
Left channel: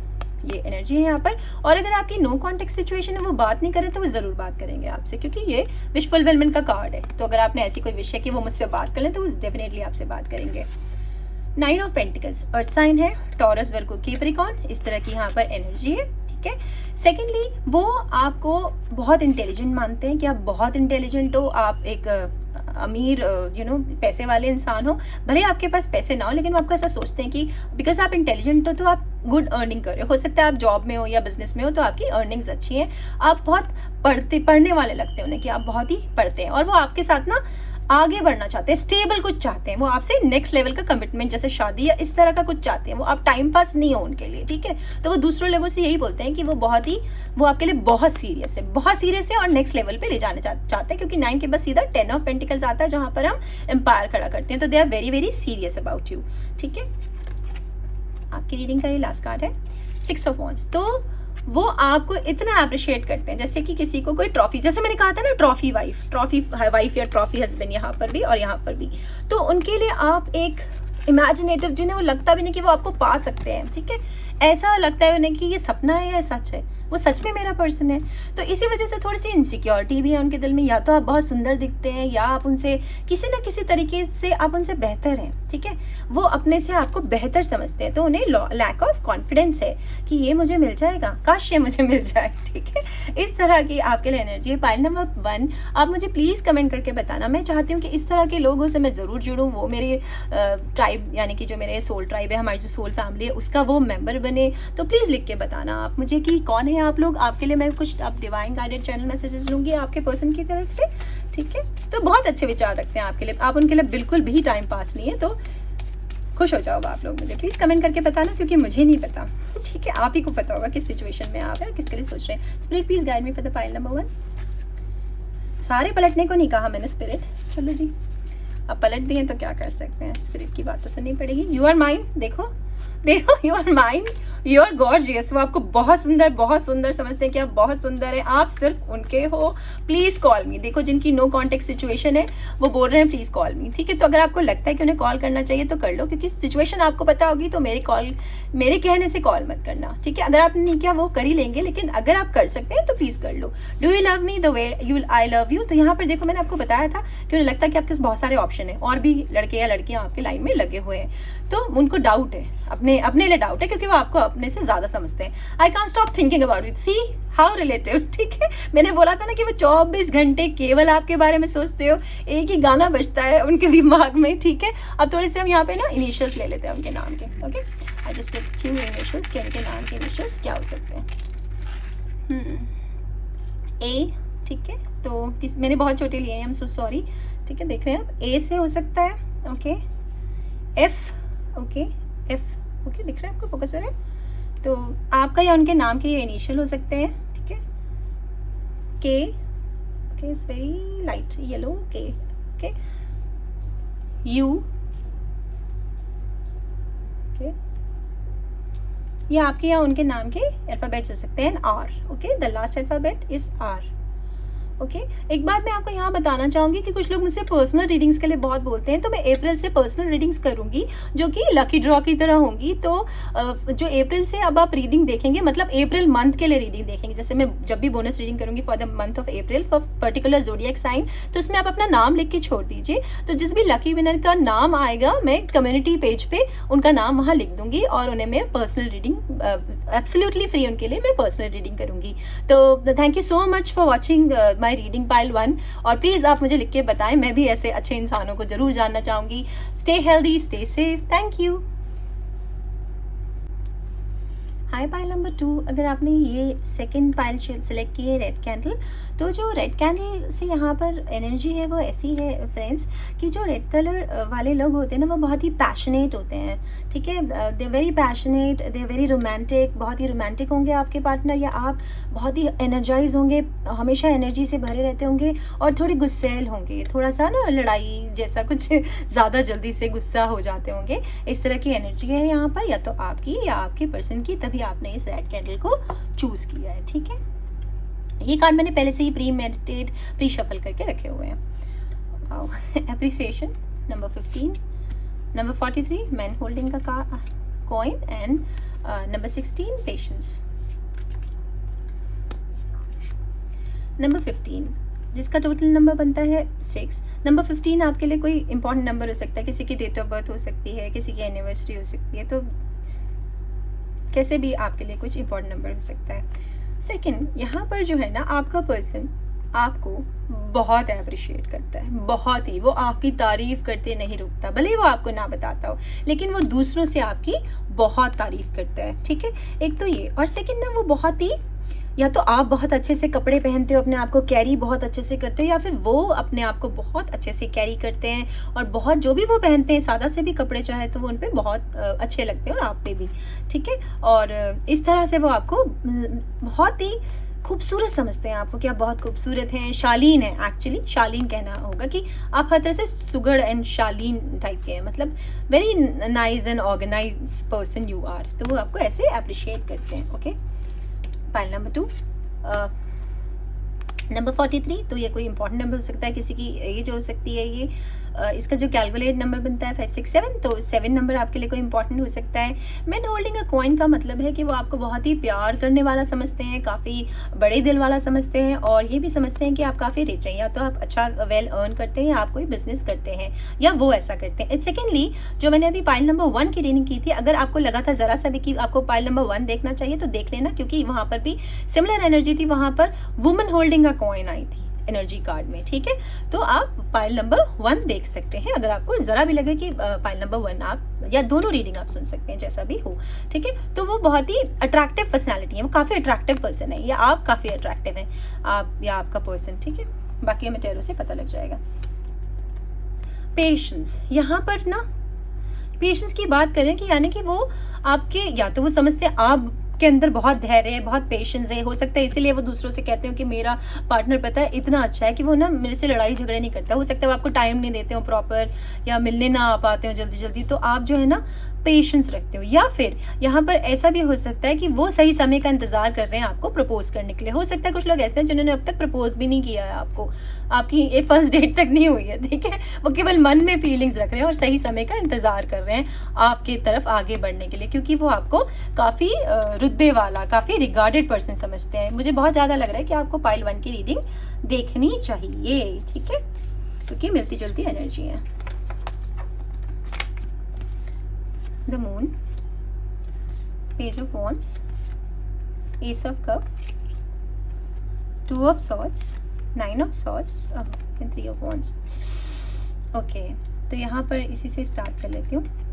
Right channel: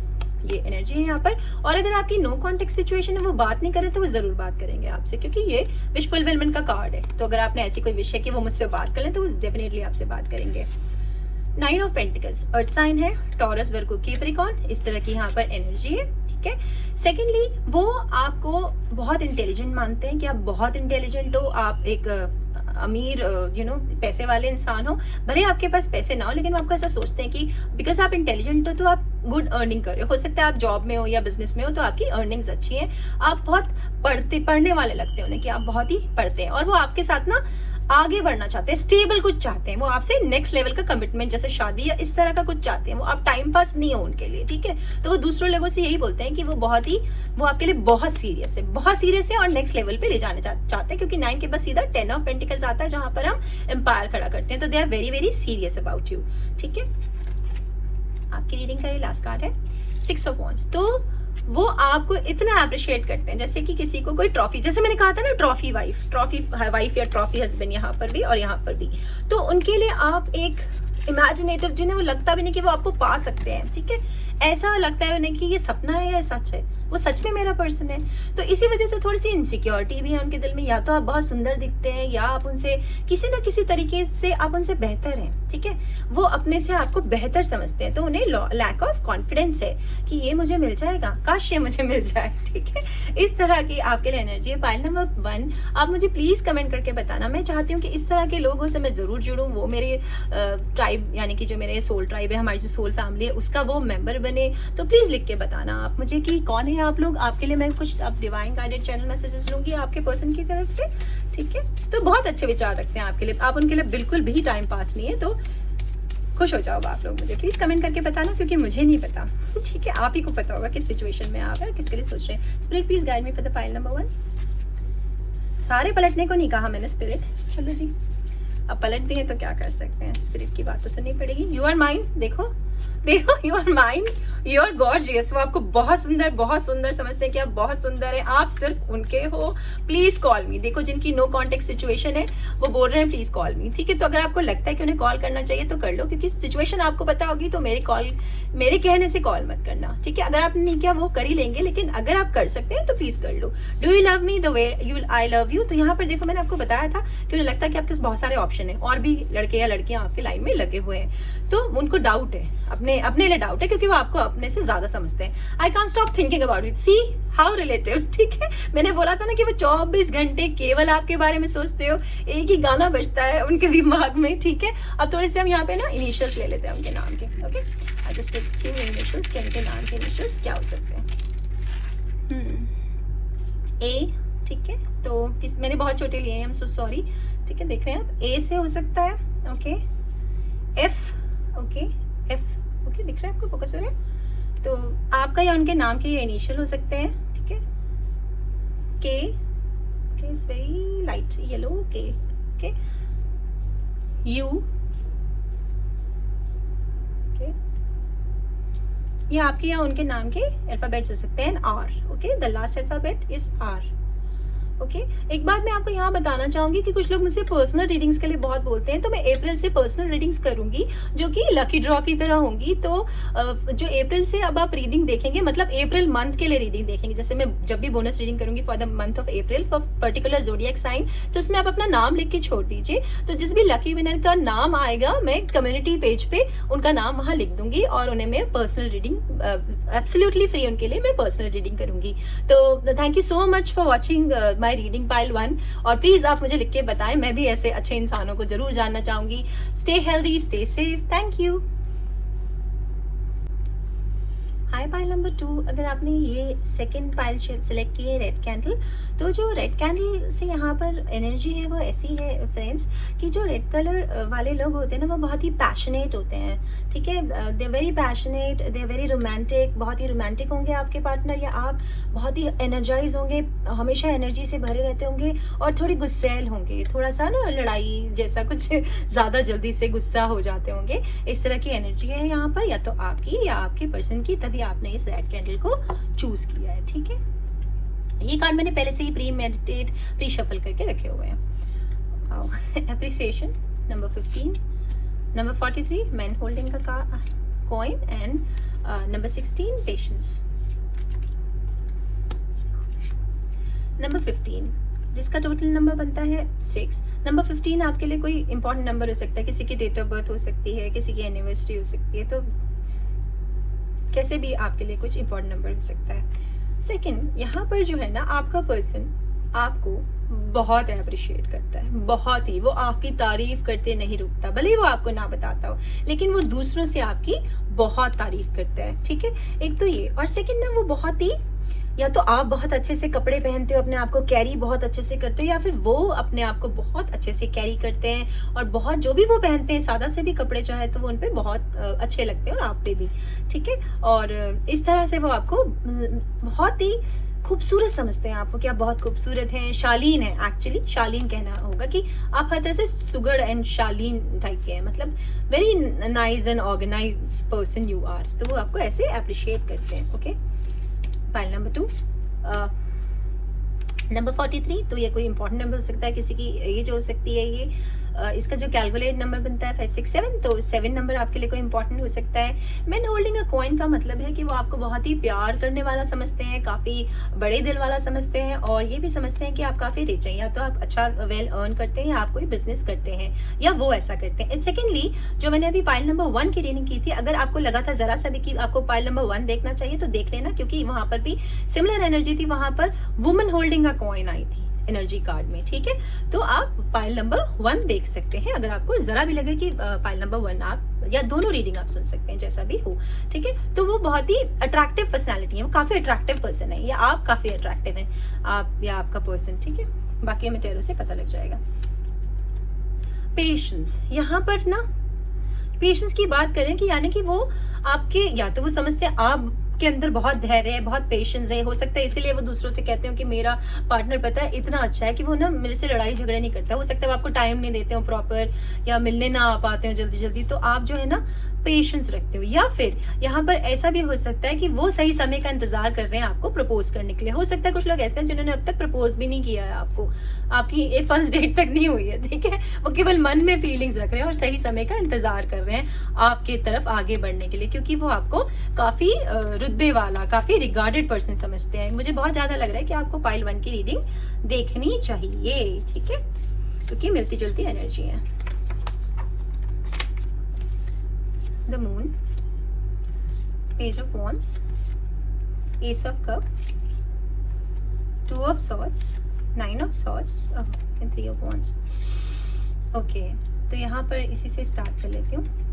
ये एनर्जी है यहाँ पर। और अगर आपकी नो कॉन्टेक्ट सिचुएशन है, वो बात नहीं करें तो वो जरूर बात करेंगे आपसे, क्योंकि ये विश फुलफिलमेंट का कार्ड है। तो अगर आपने ऐसी कोई विश है कि वो मुझसे बात कर लें, तो वो डेफिनेटली आपसे बात करेंगे। 9 ऑफ पेंटिकल्स, अर्थ साइन है, टॉरस, वर्गो, कैप्रिकॉर्न, इस तरह की यहाँ पर एनर्जी है, ठीक है। सेकेंडली, वो आपको बहुत इंटेलिजेंट मानते हैं कि आप बहुत इंटेलिजेंट हो, आप एक अमीर पैसे वाले इंसान हो। भले आपके पास पैसे ना हो, लेकिन वो आपको ऐसा सोचते हैं कि बिकॉज आप इंटेलिजेंट हो तो आप गुड अर्निंग कर रहे हो सकता है आप जॉब में हो या बिजनेस में हो, तो आपकी अर्निंग्स अच्छी है। आप बहुत पढ़ने वाले लगते हैं उन्हें कि आप बहुत ही पढ़ते हैं, और वो आपके साथ ना आगे बढ़ना चाहते हैं, स्टेबल कुछ चाहते हैं, वो आपसे नेक्स्ट लेवल का कमिटमेंट जैसे शादी या इस तरह का कुछ चाहते हैं। वो आप टाइम पास नहीं हो उनके लिए, ठीक है। तो वो दूसरे लोगों से यही बोलते हैं कि वो आपके लिए बहुत सीरियस है और नेक्स्ट लेवल पे ले जाने चाहते हैं, क्योंकि 9 के बाद सीधा 10 ऑफ पेंटिकल्स आता है, जहां पर हम एम्पायर खड़ा करते हैं। तो they are very very serious about you, ठीक है। आपकी रीडिंग का ये लास्ट कार्ड है, 6 ऑफ वॉन्ड्स। तो वो आपको इतना अप्रिशिएट करते हैं, जैसे कि किसी को कोई ट्रॉफी, जैसे मैंने कहा था ना, ट्रॉफी वाइफ या ट्रॉफी हस्बैंड, यहाँ पर भी और यहाँ पर भी। तो उनके लिए आप एक इमेजिनेटिव, जिन्हें वो लगता भी नहीं कि वो आपको पा सकते हैं, ठीक है। ऐसा लगता है उन्हें कि ये सपना है या सच है, वो सच में मेरा पर्सन है। तो इसी वजह से थोड़ी सी इनसिक्योरिटी भी है उनके दिल में, या तो आप बहुत सुंदर दिखते हैं, या आप उनसे किसी ना किसी तरीके से आप उनसे बेहतर हैं, ठीक है। वो अपने से आपको बेहतर समझते हैं, तो उन्हें लैक ऑफ कॉन्फिडेंस है कि ये मुझे मिल जाएगा, काश ये मुझे मिल जाए, ठीक है। इस तरह की आपके लिए एनर्जी है। पाइल नंबर 1, आप मुझे प्लीज कमेंट करके बताना। मैं चाहती हूँ कि इस तरह के लोगों से मैं जरूर जुड़ूँ, वो मेरी ट्राइब यानी कि जो मेरे सोल ट्राइब है, हमारी जो सोल फैमिली है, उसका वो मेंबर बने। तो प्लीज लिख के बताना आप मुझे कि कौन है आप लोग। आपके लिए मैं कुछ अब डिवाइन गाइडेड चैनल मैसेजेस लूंगी आपके पर्सन की तरफ से, ठीक है। तो बहुत अच्छे विचार रखते हैं आपके लिए, आप उनके लिए बिल्कुल भी टाइम पास नहीं है। तो खुश हो जाओ आप लोग, मुझे प्लीज कमेंट करके बताना, क्योंकि मुझे नहीं पता, ठीक है। आप ही को पता होगा किस सिचुएशन में आप है, किसके लिए सोच रहे हैं। Spirit please guide me for the pile number 1। सारे पलटने को नहीं कहा मैंने स्पिरिट, चलो जी अब पलट दिए तो क्या कर सकते हैं, स्पिरिट की बात तो सुननी पड़ेगी। यू आर माइंड, देखो you are mind, you are gorgeous. वो आपको बहुत सुंदर समझते हैं कि आप बहुत सुंदर हैं, आप सिर्फ उनके हो। प्लीज कॉल मी। देखो जिनकी नो कॉन्टेक्ट सिचुएशन है वो बोल रहे हैं प्लीज कॉल मी, ठीक है। तो अगर आपको लगता है कि उन्हें कॉल करना चाहिए तो कर लो, क्योंकि सिचुएशन आपको पता होगी। तो मेरे कहने से कॉल मत करना, ठीक है। अगर आप नहीं किया वो कर ही लेंगे, लेकिन अगर आप कर सकते हैं तो प्लीज कर लो। Do you love me the way I love you. तो यहाँ पर देखो मैंने आपको बताया था कि उन्हें लगता है कि आपके पास बहुत सारे ऑप्शन है, और भी लड़के या लड़कियां आपके लाइन में लगे हुए हैं। तो उनको डाउट है, अपने लिए डाउट है, क्योंकि वो आपको अपने से ज्यादा समझते हैं। I can't stop thinking about it, see how relative, ठीक है। मैंने बोला था ना कि वो 24 घंटे केवल आपके बारे में सोचते हो, एक ही गाना बजता है उनके दिमाग में, ठीक है। अब थोड़े से हम यहाँ पे ना इनिशियल्स ले लेते हैं उनके नाम के, okay. I just few initials के उनके नाम के इनिशियल्स क्या हो सकते हैं। ए, ठीक है। तो मैंने बहुत छोटे लिए हैं, आई एम सो सॉरी, ठीक है। देख रहे हैं आप, ए से हो सकता है, okay. F, okay, F, okay, दिख रहा है आपको, फोकस हो रहा है। तो आपका या उनके नाम के ये इनिशियल हो सकते हैं, ठीक है। के, okay, it's very light yellow, के, ओके। You, okay. ये आपके या उनके नाम के अल्फाबेट्स हो सकते हैं। R, okay, the last alphabet is R. Okay एक बात मैं आपको यहाँ बताना चाहूंगी कि कुछ लोग मुझसे पर्सनल रीडिंग्स के लिए बहुत बोलते हैं, तो मैं अप्रैल से पर्सनल रीडिंग्स करूंगी जो कि लकी ड्रॉ की तरह होंगी। तो जो अप्रैल से अब आप रीडिंग देखेंगे, मतलब अप्रैल मंथ के लिए रीडिंग देखेंगे, जैसे मैं जब भी बोनस रीडिंग करूंगी for the month of April for particular zodiac sign, तो उसमें आप अपना नाम लिख के छोड़ दीजिए। तो जिस भी लकी विनर का नाम आएगा मैं कम्युनिटी पेज पे उनका नाम वहाँ लिख दूंगी और उन्हें मैं पर्सनल रीडिंग एब्सोल्युटली फ्री उनके लिए मैं पर्सनल रीडिंग करूंगी। तो thank you so much for watching my reading pile 1, और प्लीज आप मुझे लिख के बताएं, मैं भी ऐसे अच्छे इंसानों को जरूर जानना चाहूंगी। Stay healthy, stay safe, thank you. High pile number 2, अगर आपने ये सेकंड पाइल सिलेक्ट की है रेड कैंडल, तो जो रेड कैंडल से यहाँ पर एनर्जी है वो ऐसी है फ्रेंड्स कि जो रेड कलर वाले लोग होते हैं ना वो बहुत ही पैशनेट होते हैं, ठीक है। They are very passionate, they are very romantic, बहुत ही रोमांटिक होंगे आपके पार्टनर, या आप बहुत ही एनर्जाइज होंगे, हमेशा एनर्जी से भरे रहते होंगे, और थोड़े गुस्सैल होंगे, थोड़ा सा ना लड़ाई जैसा कुछ ज़्यादा जल्दी से गुस्सा हो जाते होंगे। इस तरह की एनर्जी है यहाँ पर, या तो आपकी या आपके पर्सन की, तभी आपने इस रेड कैंडल को चूज किया है, ठीक है। ये कार्ड मैंने पहले से ही प्री मेडिटेट, प्री शफल करके रखे हुए हैं। Appreciation number 15, number 43 man holding का coin, and number 16 patience. Number 15 जिसका टोटल नंबर बनता है 6। नंबर 15 आपके लिए कोई इंपॉर्टेंट नंबर हो सकता है, किसी की डेट ऑफ बर्थ हो सकती है, किसी की एनिवर्सरी हो सकती है, तो कैसे भी आपके लिए कुछ इंपॉर्टेंट नंबर हो सकता है। सेकंड, यहाँ पर जो है ना आपका पर्सन आपको बहुत अप्रिशिएट करता है, बहुत ही, वो आपकी तारीफ करते नहीं रुकता, भले ही वो आपको ना बताता हो, लेकिन वो दूसरों से आपकी बहुत तारीफ करता है, ठीक है। एक तो ये, और सेकंड ना वो बहुत ही, या तो आप बहुत अच्छे से कपड़े पहनते हो, अपने आप को कैरी बहुत अच्छे से करते हो, या फिर वो अपने आप को बहुत अच्छे से कैरी करते हैं, और बहुत जो भी वो पहनते हैं, सादा से भी कपड़े चाहे तो वो उन पे बहुत अच्छे लगते हैं, और आप पे भी, ठीक है। और इस तरह से वो आपको बहुत ही खूबसूरत समझते हैं आपको, कि आप बहुत खूबसूरत हैं, शालीन है, एक्चुअली शालीन कहना होगा कि आप हर तरह से सुगढ़ एंड शालीन टाइप के हैं, मतलब very nice and organise person you are, तो वो आपको ऐसे अप्रिशिएट करते हैं, ओके। पाइल नंबर 2, नंबर 43, तो ये कोई इंपॉर्टेंट नंबर हो सकता है, किसी की एज हो सकती है, ये इसका जो कैलकुलेट नंबर बनता है 5 6 7, तो 7 नंबर आपके लिए कोई इंपॉर्टेंट हो सकता है। मैन होल्डिंग अ कॉइन का मतलब है कि वो आपको बहुत ही प्यार करने वाला समझते हैं, काफ़ी बड़े दिल वाला समझते हैं, और ये भी समझते हैं कि आप काफ़ी रिच हैं, या तो आप अच्छा वेल अर्न करते हैं, या आप कोई बिजनेस करते हैं, या वो ऐसा करते हैं। एंड सेकेंडली, जो मैंने अभी पाइल नंबर 1 की रीडिंग की थी, अगर आपको लगा था ज़रा सा भी कि आपको पाइल नंबर 1 देखना चाहिए, तो देख लेना, क्योंकि वहाँ पर भी सिमिलर एनर्जी थी, वहाँ पर वुमन होल्डिंग अ कॉइन आई थी एनर्जी कार्ड में, ठीक है। तो आप पाइल नंबर 1 देख सकते हैं, अगर आपको जरा भी लगे कि पाइल नंबर 1 आप, या दोनों रीडिंग आप सुन सकते हैं, जैसा भी हो, ठीक है। तो वो बहुत ही अट्रैक्टिव पर्सनैलिटी है, वो काफ़ी अट्रैक्टिव पर्सन है, या आप काफ़ी अट्रैक्टिव हैं, आप या आपका पर्सन, ठीक है। बाकी हमें टेरो से पता लग जाएगा। पेशेंस, यहाँ पर ना पेशेंस की बात करें कि यानी कि वो आपके, या तो वो समझते हैं आप के अंदर बहुत धैर्य है, बहुत पेशेंस है, हो सकता है इसीलिए वो दूसरों से कहते हो कि मेरा पार्टनर पता है इतना अच्छा है कि वो ना मेरे से लड़ाई झगड़े नहीं करता। हो सकता है वो आपको टाइम नहीं देते हो प्रॉपर, या मिलने ना आ पाते हो जल्दी जल्दी, तो आप जो है ना पेशेंस रखते हो। या फिर यहाँ पर ऐसा भी हो सकता है कि वो सही समय का इंतजार कर रहे हैं आपको प्रपोज करने के लिए। हो सकता है कुछ लोग ऐसे हैं जिन्होंने अब तक प्रपोज भी नहीं किया है आपको, आपकी ये फर्स्ट डेट तक नहीं हुई है, ठीक है। वो केवल मन में फीलिंग्स रख रहे हैं और सही समय का इंतजार कर रहे हैं आपके तरफ आगे बढ़ने के लिए, क्योंकि वो आपको काफी रुतबे वाला, काफी रिगार्डेड पर्सन समझते हैं। मुझे बहुत ज्यादा लग रहा है कि आपको पाइल 1 की रीडिंग देखनी चाहिए, ठीक है, क्योंकि मिलती जुलती एनर्जी है। The moon, page of wands, ace of cup, 2 of swords, 9 of swords, and 3 of wands. Okay, तो यहाँ पर इसी से स्टार्ट कर लेती हूँ।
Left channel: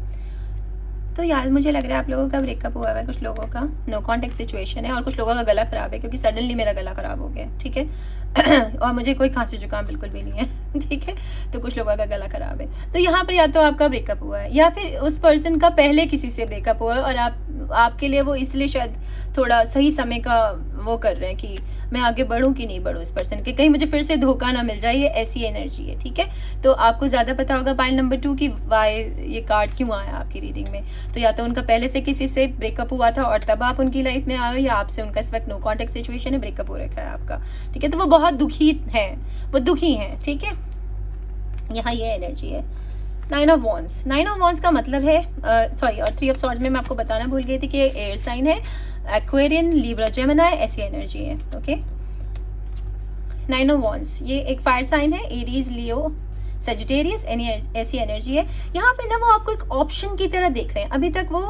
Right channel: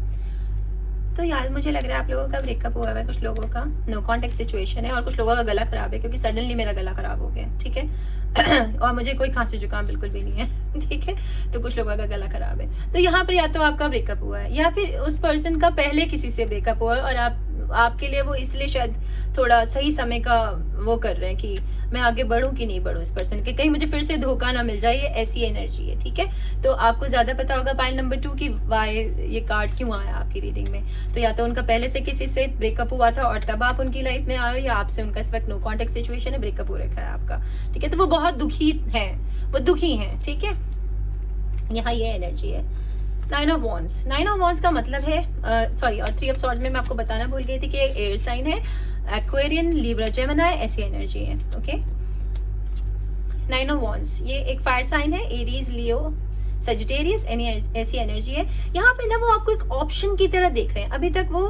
तो यार मुझे लग रहा है आप लोगों का ब्रेकअप हुआ है, कुछ लोगों का नो कॉन्टेक्ट सिचुएशन है, और कुछ लोगों का गला खराब है, क्योंकि सडनली मेरा गला खराब हो गया, ठीक है। और मुझे कोई खांसी जुकाम बिल्कुल भी नहीं है, ठीक है। तो कुछ लोगों का गला खराब है, तो यहाँ पर या तो आपका ब्रेकअप हुआ है, या फिर उस पर्सन का पहले किसी से ब्रेकअप हुआ है, और आपके लिए वो इसलिए शायद थोड़ा सही समय का वो कर रहे हैं कि मैं आगे बढ़ूं कि नहीं बढ़ूं इस पर्सन के, कहीं मुझे फिर से धोखा ना मिल जाए, ये ऐसी एनर्जी है, ठीक है। तो आपको ज्यादा पता होगा पाइल नंबर 2 की वाई ये कार्ड क्यों आया आपके आपकी रीडिंग में। तो या तो उनका पहले से किसी से ब्रेकअप हुआ था और तब आप उनकी लाइफ में आए हो, या आपसे उनका इस वक्त नो कॉन्टेक्ट सिचुएशन है, ब्रेकअप हो रखा है आपका, ठीक है। तो वो बहुत दुखी है, वो दुखी है, ठीक है। यहाँ ये एनर्जी है। 9 ऑफ वॉन्ड्स, 9 ऑफ वॉन्ड्स का मतलब है सॉरी, और 3 ऑफ सॉर्ड में मैं आपको बताना भूल गई थी कि एयर साइन है, एक्वेरियन, लिब्रा, जेमिनी, ऐसी एनर्जी है, ओके। 9 ऑफ वॉन्ड्स ये एक फायर साइन है, एरीज, लियो, सेजिटेरियस, ऐसी एनर्जी है। यहाँ पे ना वो आपको एक ऑप्शन की तरह देख रहे हैं। अभी तक वो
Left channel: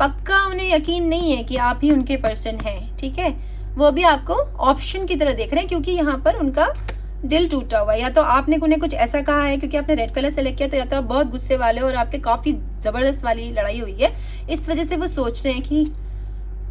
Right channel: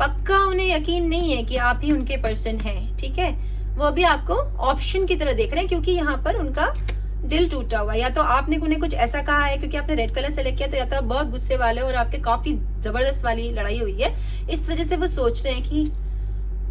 पक्का उन्हें यकीन नहीं है कि आप ही उनके पर्सन हैं, ठीक है। वो भी आपको ऑप्शन की तरह देख रहे हैं, क्योंकि यहाँ पर उनका दिल टूटा हुआ है। या तो आपने उन्हें कुछ ऐसा कहा है, क्योंकि आपने रेड कलर सेलेक्ट किया, तो या तो आप बहुत गुस्से वाले हो और आपके काफी जबरदस्त वाली लड़ाई हुई है, इस वजह से वो सोच रहे हैं कि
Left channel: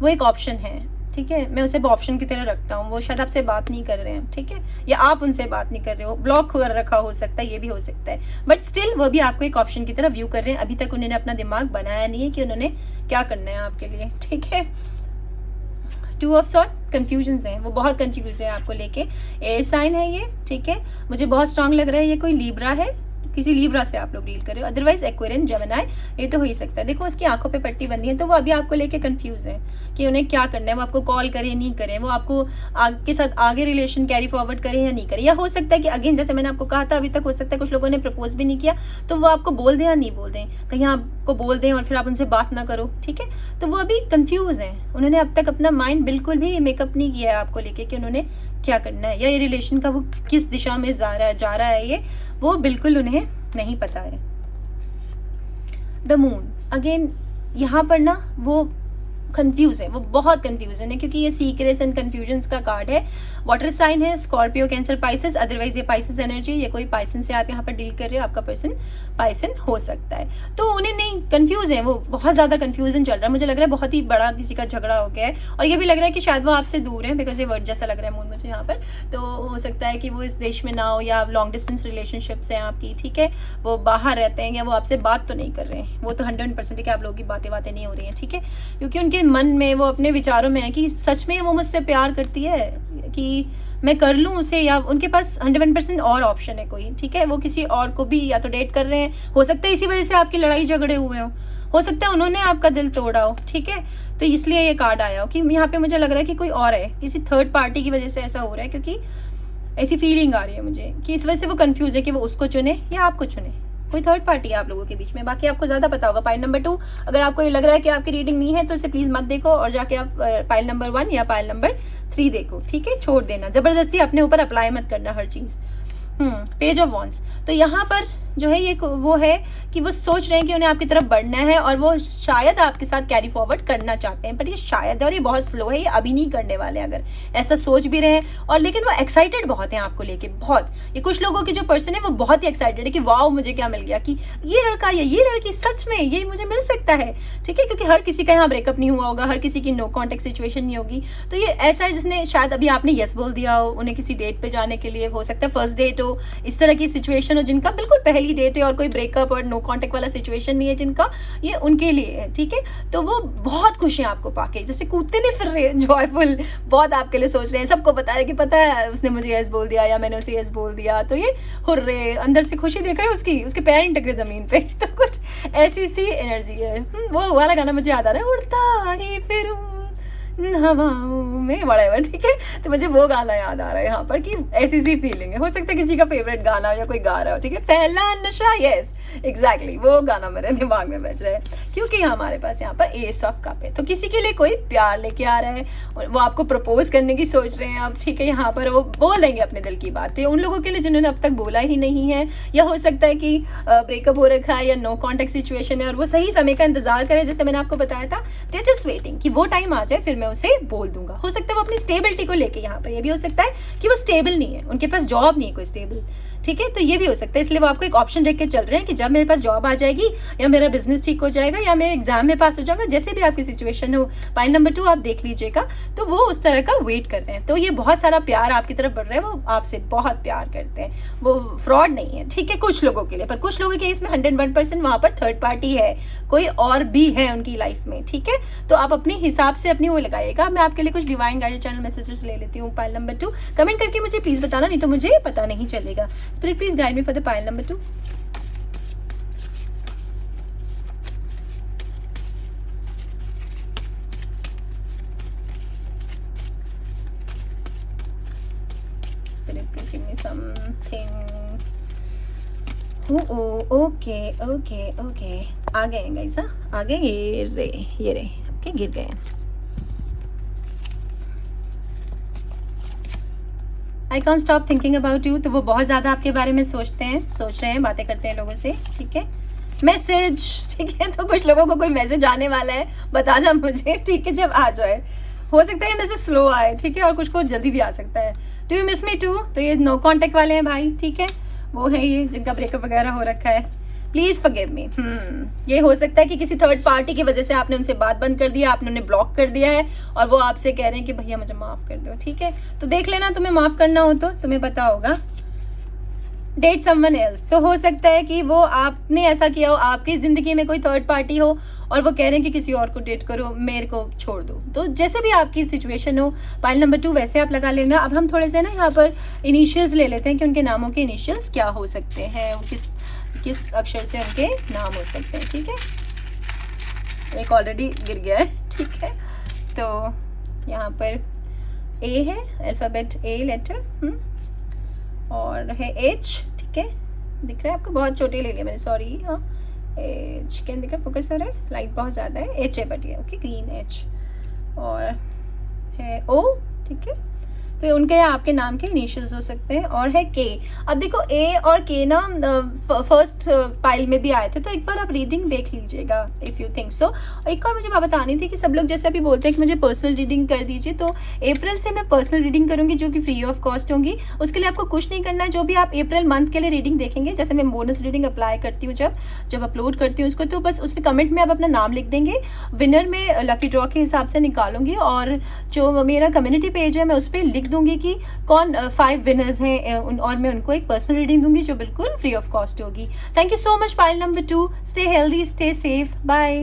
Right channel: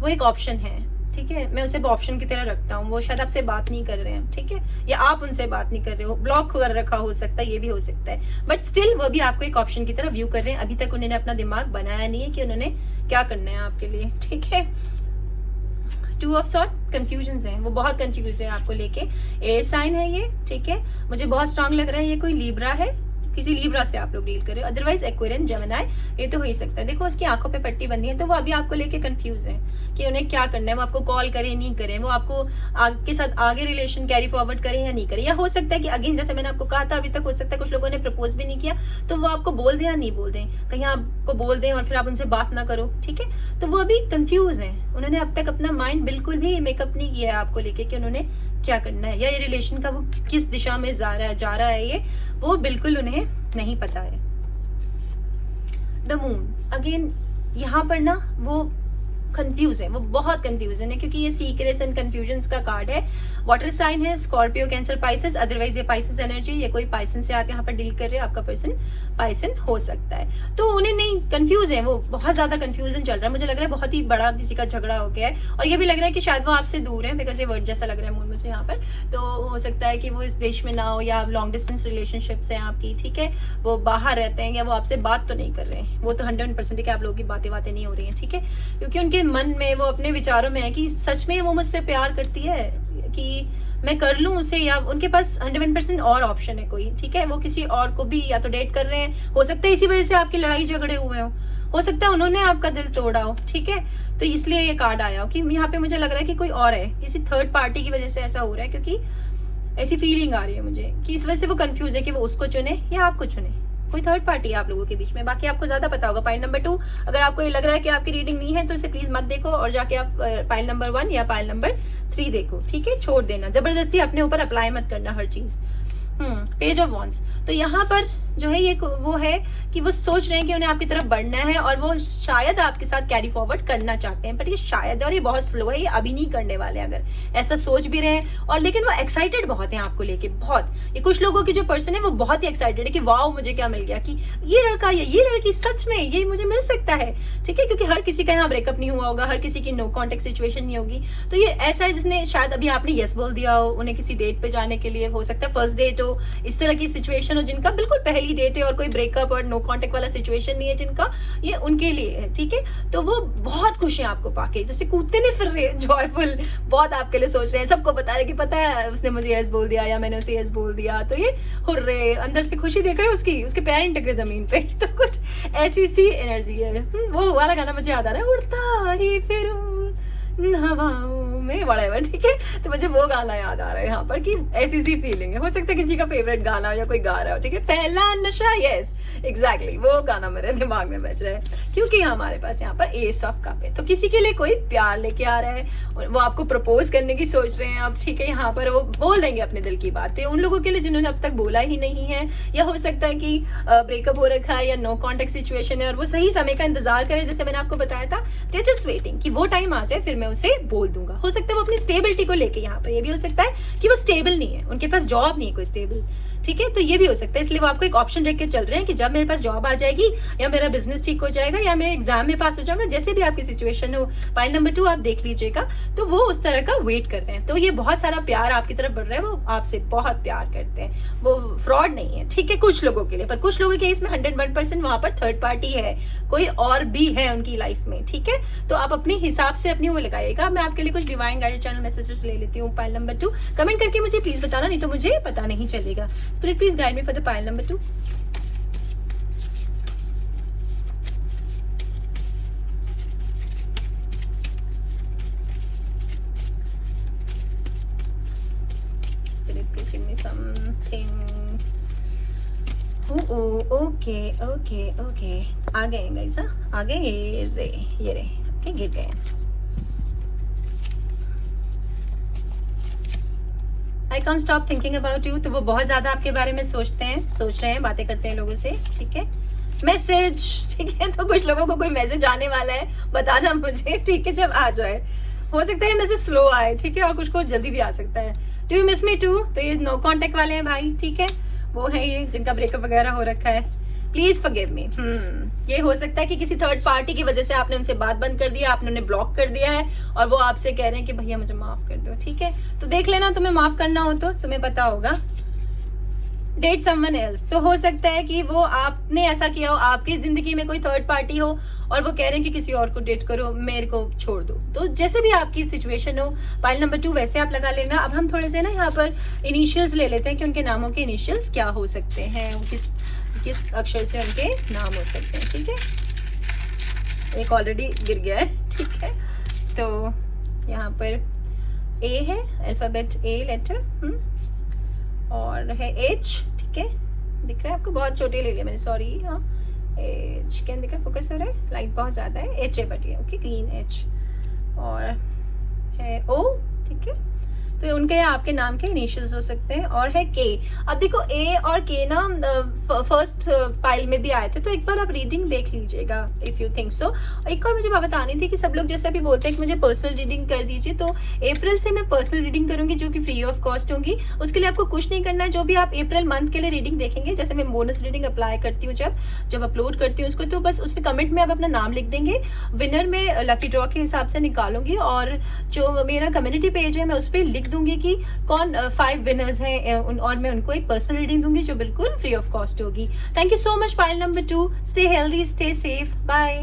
वो एक ऑप्शन है, ठीक है, मैं उसे ऑप्शन की तरह रखता हूँ। वो शायद आपसे बात नहीं कर रहे हैं, ठीक है, या आप उनसे बात नहीं कर रहे हो, ब्लॉक कर रखा हो सकता है, ये भी हो सकता है। बट स्टिल वो भी आपको एक ऑप्शन की तरह व्यू कर रहे हैं। अभी तक उन्होंने अपना दिमाग बनाया नहीं है कि उन्होंने क्या करना है आपके लिए, ठीक है। 2 ऑफ सॉर्ड, कंफ्यूजन है, वो बहुत कंफ्यूज है आपको लेके। एयर साइन है ये, ठीक है, मुझे बहुत स्ट्रांग लग रहा है ये कोई लिब्रा है, किसी लिब्रा से आप लोग डील कर रहे हो, अदरवाइज एक्वेरियन, जेमिनी, ये तो हो ही सकता है। देखो उसकी आंखों पे पट्टी बंधी है, तो वो अभी आपको लेके कंफ्यूज है कि उन्हें क्या करना है। वो आपको कॉल करें नहीं करें, वो आपको आपके साथ आगे रिलेशन कैरी फॉरवर्ड करें या नहीं करें। या हो सकता है कि अगेन जैसे मैंने आपको कहा था, अभी तक हो सकता है कुछ लोगों ने प्रपोज भी नहीं किया, तो वो आपको बोल दें या नहीं बोल दें, कहीं आपको बोल दें और फिर आप उनसे बात ना करो, ठीक है। तो वो अभी कंफ्यूज है, उन्होंने अब तक अपना माइंड बिल्कुल भी मेकअप नहीं किया है आपको लेके कि उन्होंने क्या करना है, या ये रिलेशन का वो किस दिशा में जा रहा है ये वो बिल्कुल उन्हें नहीं पता है। द मून, अगेन यहाँ पर ना वो कंफ्यूज है, वो बहुत कंफ्यूजन है, क्योंकि ये सीक्रेट्स एंड कंफ्यूजन्स का कार्ड है। वाटर साइन है, स्कॉर्पियो, कैंसर, पाइसेस, अदरवाइज ये पाइसेस एनर्जी, ये कोई पाइसन से आप यहाँ पर डील कर रहे हो, आपका पर्सन पाइसन हो सकता है। तो उन्हें नहीं, कंफ्यूज है, वो बहुत ज्यादा कंफ्यूजन चल रहा है। मुझे लग रहा है बहुत ही बड़ा किसी का झगड़ा हो गया है, और ये भी लग रहा है कि शायद वो आपसे दूर है, बिकॉज ये वर्ड जैसा लग रहा है मून मुझे यहाँ पर। तो हो सकता है कि वो इस देश में ना हो, या लॉन्ग डिस्टेंस रिलेशनशिप्स है आपकी, ठीक है, वो बाहर रहते हैं, या वो आपसे बात तो नहीं कर रहे हैं। वो तो 100% कि आप लोगों की बातें नहीं हो रही हैं, ठीक है, क्योंकि उनके मन में, वो अपने विचारों में है कि सच में वो मुझसे प्यार करती है कि मैं कर लूं उसे, या उनके पास 100% और ऑप्शन है कोई, ठीक है, वो किसी और को भी या तो डेट कर रहे हैं। हो सकता है इसी वजह से आपकी लड़ाई झगड़े हुए हो सकता है उन्होंने आपका दिल तोड़ा हो, ठीक है। तो इसलिए ये कार्ड आया हो कि यहाँ पे मुझे लग रहा है कि कोई और है, किसी थर्ड पार्टी की वजह से ऐसा हो रहा है, क्योंकि ऐसी फीलिंग आ रही है मुझे कि इस वजह से वो कंफ्यूज है कि वो उसको चुने या आपको चुने। कोई थर्ड पार्टी है आप लोगों के बीच में। बाकी आपको ज्यादा पता होगा। पाइल नंबर 2, अगर आपको ये लग रहा है कि आपकी रीडिंग नहीं है तो इसे प्लीज मत देखो, और जाके आप पाइल नंबर 1 या पाइल नंबर 3 देखो, ठीक है। छोड़ देना, जबरदस्ती अपने ऊपर अप्लाई मत करना हर चीज। पेज ऑफ वॉन्ड्स, तो यहाँ पर जो है ये वो है कि वो सोच रहे हैं कि उन्हें आपकी तरफ बढ़ना है, और वो शायद आपके साथ कैरी फॉरवर्ड करना चाहते हैं, पर ये शायद, और ये बहुत स्लो है, ये अभी नहीं करने वाले अगर ऐसा सोच भी रहे हैं। और लेकिन वो एक्साइटेड बहुत हैं आपको लेके, बहुत। ये कुछ लोगों की जो पर्सन है वो बहुत ही एक्साइटेड है कि वाओ मुझे क्या मिल गया, कि ये लड़का या ये लड़की सच में ये मुझे मिल सकता है, ठीक है, क्योंकि हर किसी का यहाँ ब्रेकअप नहीं हुआ होगा, हर किसी की नो कॉन्टेक्ट सिचुएशन नहीं होगी। तो ये ऐसा है जिसने शायद अभी आपने यस बोल दिया हो उन्हें किसी डेट पे जाने के लिए, हो सकता है फर्स्ट डेट हो, इस तरह की सिचुएशन हो जिनका बिल्कुल पहली डेट है और कोई ब्रेकअप और नो कांटेक्ट वाला सिचुएशन नहीं है जिनका, ये उनके लिए है, ठीक है। तो वो बहुत खुश हैं आपको पाके, जैसे कूदते नहीं फिर रहे, जॉयफुल, बहुत आपके लिए सोच रहे हैं, सबको बता रहे कि पता है उसने मुझे यस बोल दिया या मैंने उसे यस बोल दिया, तो ये हुर्रे, अंदर से खुशी देख रहे हैं उसके पैर नहीं टकरे जमीन पे। तो कुछ ऐसी सी एनर्जी है। वो वाला गाना मुझे याद आ रहा है, उड़ता ही फिरूं हवाओं में, whatever, ठीक है। तो मुझे वो गाना याद आ रहा है यहाँ पर कि ऐसी सी फीलिंग है। हो सकता है किसी का फेवरेट गाना या कोई गा रहा हो, ठीक है। पहला नशा, यस एग्जैक्टली, वो गाना मेरे दिमाग में बज रहा है, क्योंकि हमारे पास यहाँ पर एस ऑफ कप है। तो किसी के लिए कोई प्यार लेके आ रहा है, वो आपको प्रपोज करने की सोच रहे हैं आप, ठीक है। यहाँ पर वो बोल देंगे अपने दिल की बातें उन लोगों के लिए जिन्होंने अब तक बोला ही नहीं है, या हो सकता है कि ब्रेकअप हो रखा है या नो कॉन्टेक्ट सिचुएशन है और वो सही समय का इंतजार करे, जैसे मैंने आपको बताया था, दे जस्ट वेटिंग कि वो टाइम आ जाए फिर मैं उसे बोल दूंगा। हो सकता है वो अपनी स्टेबिलिटी को लेके यहाँ पर, ये भी हो सकता है कि वो स्टेबल नहीं है, उनके पास जॉब नहीं है कोई स्टेबल, ठीक है। तो ये भी हो सकता है, इसलिए वो आपको एक ऑप्शन रख के चल रहे हैं कि जब मेरे पास जॉब आ जाएगी या मेरा बिजनेस ठीक हो जाएगा या मैं एग्जाम में पास हो जाऊंगा, जैसे भी आपकी सिचुएशन हो, पाइल नंबर 2 आप देख लीजिएगा, तो वो उस तरह का वेट कर रहे हैं। तो ये बहुत सारा प्यार आपकी तरफ बढ़ रहा है, वो आपसे बहुत प्यार करते हैं, वो फ्रॉड नहीं है, ठीक है, कुछ लोगों के लिए। पर कुछ लोगों के इसमें 101% वहां पर थर्ड पार्टी है, कोई और भी है उनकी लाइफ में, ठीक है। तो आप अपने हिसाब से अपनी वो लगाइएगा। मैं आपके लिए कुछ डिवाइन गाइडेड चैनल मैसेजेस ले लेती हूँ। पाइल नंबर 2 कमेंट करके मुझे प्लीज बताना, नहीं तो मुझे पता नहीं चलेगा। Spirit please guide me for the pile number 2। Okay okay okay, आ गए गाइस, आ गए, ये रे ओके, गिर गए। I can't stop thinking about you, तो वो बहुत ज़्यादा आपके बारे में सोच रहे हैं, बातें करते हैं लोगों से, ठीक है। मैसेज, ठीक है, तो कुछ लोगों को कोई मैसेज आने वाला है, बताना मुझे, ठीक है, जब आ जाए। हो सकता है मैसेज स्लो आए, ठीक है, और कुछ को जल्दी भी आ सकता है। Do you miss me too, तो ये नो कॉन्टेक्ट वाले हैं भाई, ठीक है, वो है ये जिनका ब्रेकअप वगैरह हो रखा है। Please forgive me. ये हो सकता है कि किसी थर्ड पार्टी की वजह से आपने उनसे बात बंद कर दिया, आपने उन्हें ब्लॉक कर दिया है और वो आपसे कह रहे हैं कि भैया मुझे माफ कर दो, ठीक है। तो देख लेना, तुम्हें माफ करना हो तो तुम्हें पता होगा। डेट समवन एल्स, तो हो सकता है कि वो आपने ऐसा किया हो, आपकी जिंदगी में कोई थर्ड पार्टी हो और वो कह रहे हैं कि किसी और को डेट करो, मेरे को छोड़ दो। तो जैसे भी आपकी सिचुएशन हो, पाइल नंबर 2 वैसे आप लगा लेना। अब हम थोड़े से ना यहाँ पर इनिशियल्स ले लेते हैं कि उनके नामों के इनिशियल्स क्या हो सकते हैं, किस अक्षर से उनके नाम हो सकते हैं, ठीक है। एक ऑलरेडी गिर गया है, ठीक है। तो यहाँ पर ए है, अल्फाबेट ए लेटर, और है एच, ठीक है, दिख रहा है आपको, बहुत छोटी ले लिया मैंने, सॉरी। हाँ, एच कैन दिख रहा है, फोकस हो रहा है, लाइट बहुत ज़्यादा है, एच है बट ये ओके, ग्रीन एच, और है ओ, ठीक है। तो उनके या आपके नाम के इनिशियल्स हो सकते हैं, और है के। अब देखो ए और के ना फर्स्ट पाइल में भी आए थे, तो एक बार आप रीडिंग देख लीजिएगा इफ यू थिंक सो। एक और मुझे बात बतानी थी कि सब लोग जैसे अभी बोलते हैं कि मुझे पर्सनल रीडिंग कर दीजिए, तो अप्रैल से मैं पर्सनल रीडिंग करूंगी जो कि फ्री ऑफ कॉस्ट होंगी। उसके लिए आपको कुछ नहीं करना है, जो भी आप अप्रैल मंथ के लिए रीडिंग देखेंगे, जैसे मैं बोनस रीडिंग अप्लाई करती हूँ जब अपलोड करती हूँ उसको, तो बस उसमें कमेंट में आप अपना नाम लिख देंगे, विनर में लकी ड्रॉ के हिसाब से निकालूंगी, और जो मेरा कम्युनिटी पेज है मैं उस पर लिख दूंगी कि कौन 5 विनर्स हैं, और मैं उनको एक पर्सनल रीडिंग दूंगी जो बिल्कुल फ्री ऑफ कॉस्ट होगी। Thank you so much pile number 2, stay healthy, stay safe, bye.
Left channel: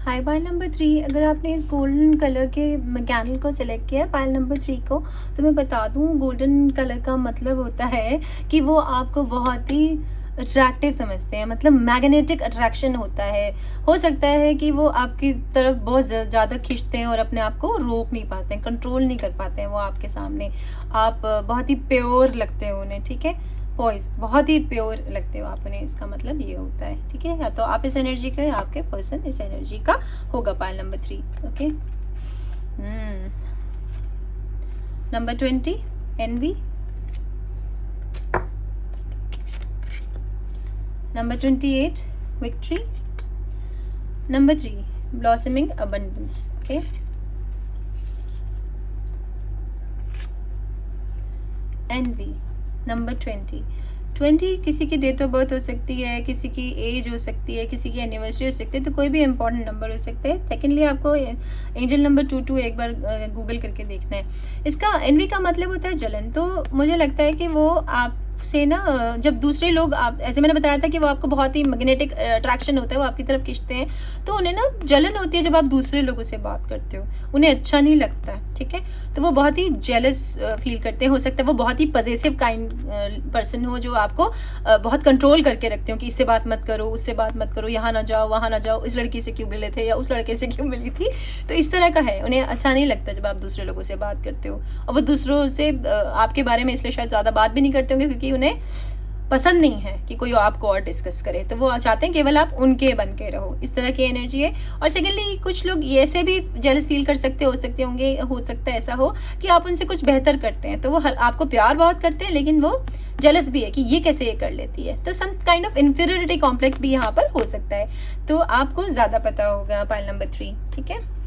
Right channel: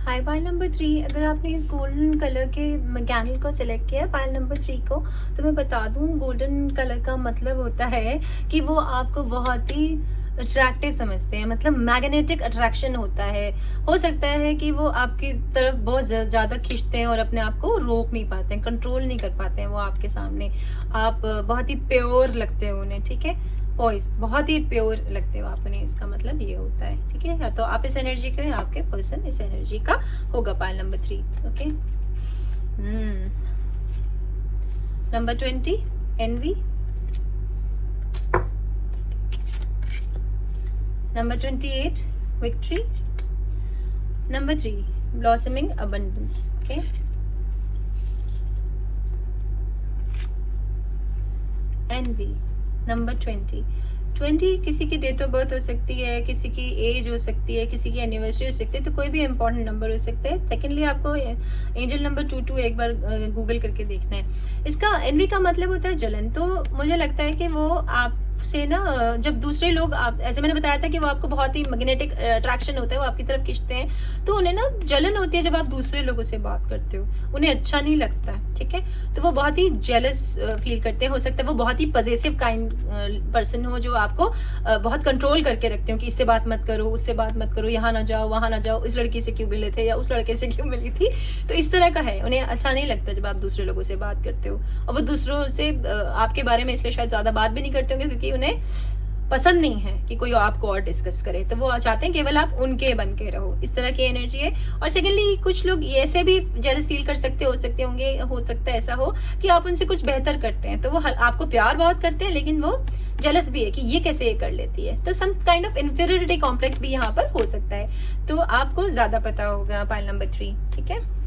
Hi pile number 3, अगर आपने इस गोल्डन कलर के कैंडल को सिलेक्ट किया है, पाइल नंबर 3 को, तो मैं बता दूं गोल्डन कलर का मतलब होता है कि वो आपको बहुत ही अट्रैक्टिव समझते हैं, मतलब मैग्नेटिक अट्रैक्शन होता है। हो सकता है कि वो आपकी तरफ बहुत ज़्यादा खींचते हैं और अपने आप को रोक नहीं पाते हैं, कंट्रोल नहीं कर पाते हैं वो आपके सामने। आप बहुत ही प्योर लगते हो उन्हें, ठीक है, पॉइज, बहुत ही प्योर लगते हो आप उन्हें, इसका मतलब ये होता है, ठीक है। या तो आप इस एनर्जी का या आपके पर्सन इस एनर्जी का होगा, pile number 3, okay. Number 20, envy. Number 28, victory. Number 3, blossoming abundance. Okay. Envy. Number 20. 20 किसी की डेट ऑफ बर्थ हो सकती है, किसी की एज हो सकती है, किसी की एनिवर्सरी हो सकती है, तो कोई भी इंपॉर्टेंट नंबर हो सकता है। सेकेंडली आपको एंजल नंबर 22 एक बार गूगल करके देखना है। इसका एनवी का मतलब होता है जलन। तो मुझे लगता है कि वो आप से ना, जब दूसरे लोग, आप ऐसे मैंने बताया था कि वो आपको बहुत ही मैग्नेटिक अट्रैक्शन होता है, वो आपकी तरफ खींचते हैं, तो उन्हें ना जलन होती है जब आप दूसरे लोगों से बात करते हो, उन्हें अच्छा नहीं लगता, ठीक है। तो वो बहुत ही जेलस फील करते हैं। हो सकता है वो बहुत ही पजेसिव काइंड पर्सन हो, जो आपको बहुत कंट्रोल करके रखते हो कि इससे बात मत करो, उससे बात मत करो, यहाँ ना जाओ, वहाँ ना जाओ, इस लड़की से क्यों मिले थे या उस लड़के से क्यों मिली थी। तो इस तरह का है, उन्हें अच्छा नहीं लगता जब आप दूसरे लोगों से बात करते हो, और वो दूसरों से आपके बारे में इसलिए शायद ज़्यादा बात भी नहीं करते होंगे क्योंकि उन्हें पसंद नहीं है कि कोई आपको और डिस्कस करे, तो वो चाहते हैं केवल आप उनके बन के रहो। इस तरह की एनर्जी है। और सेकेंडली कुछ लोग ऐसे भी जेलस फील कर सकते हो सकते होंगे, हो सकता है ऐसा हो कि आप उनसे कुछ बेहतर करते हैं, तो वो आपको प्यार बहुत करते हैं, लेकिन वो जेलस भी है कि ये कैसे ये कर लेती है। तो some kind of inferiority complex भी यहाँ पर हो सकता है, तो आपको ज्यादा पता होगा। पाइल नंबर 3, ठीक है।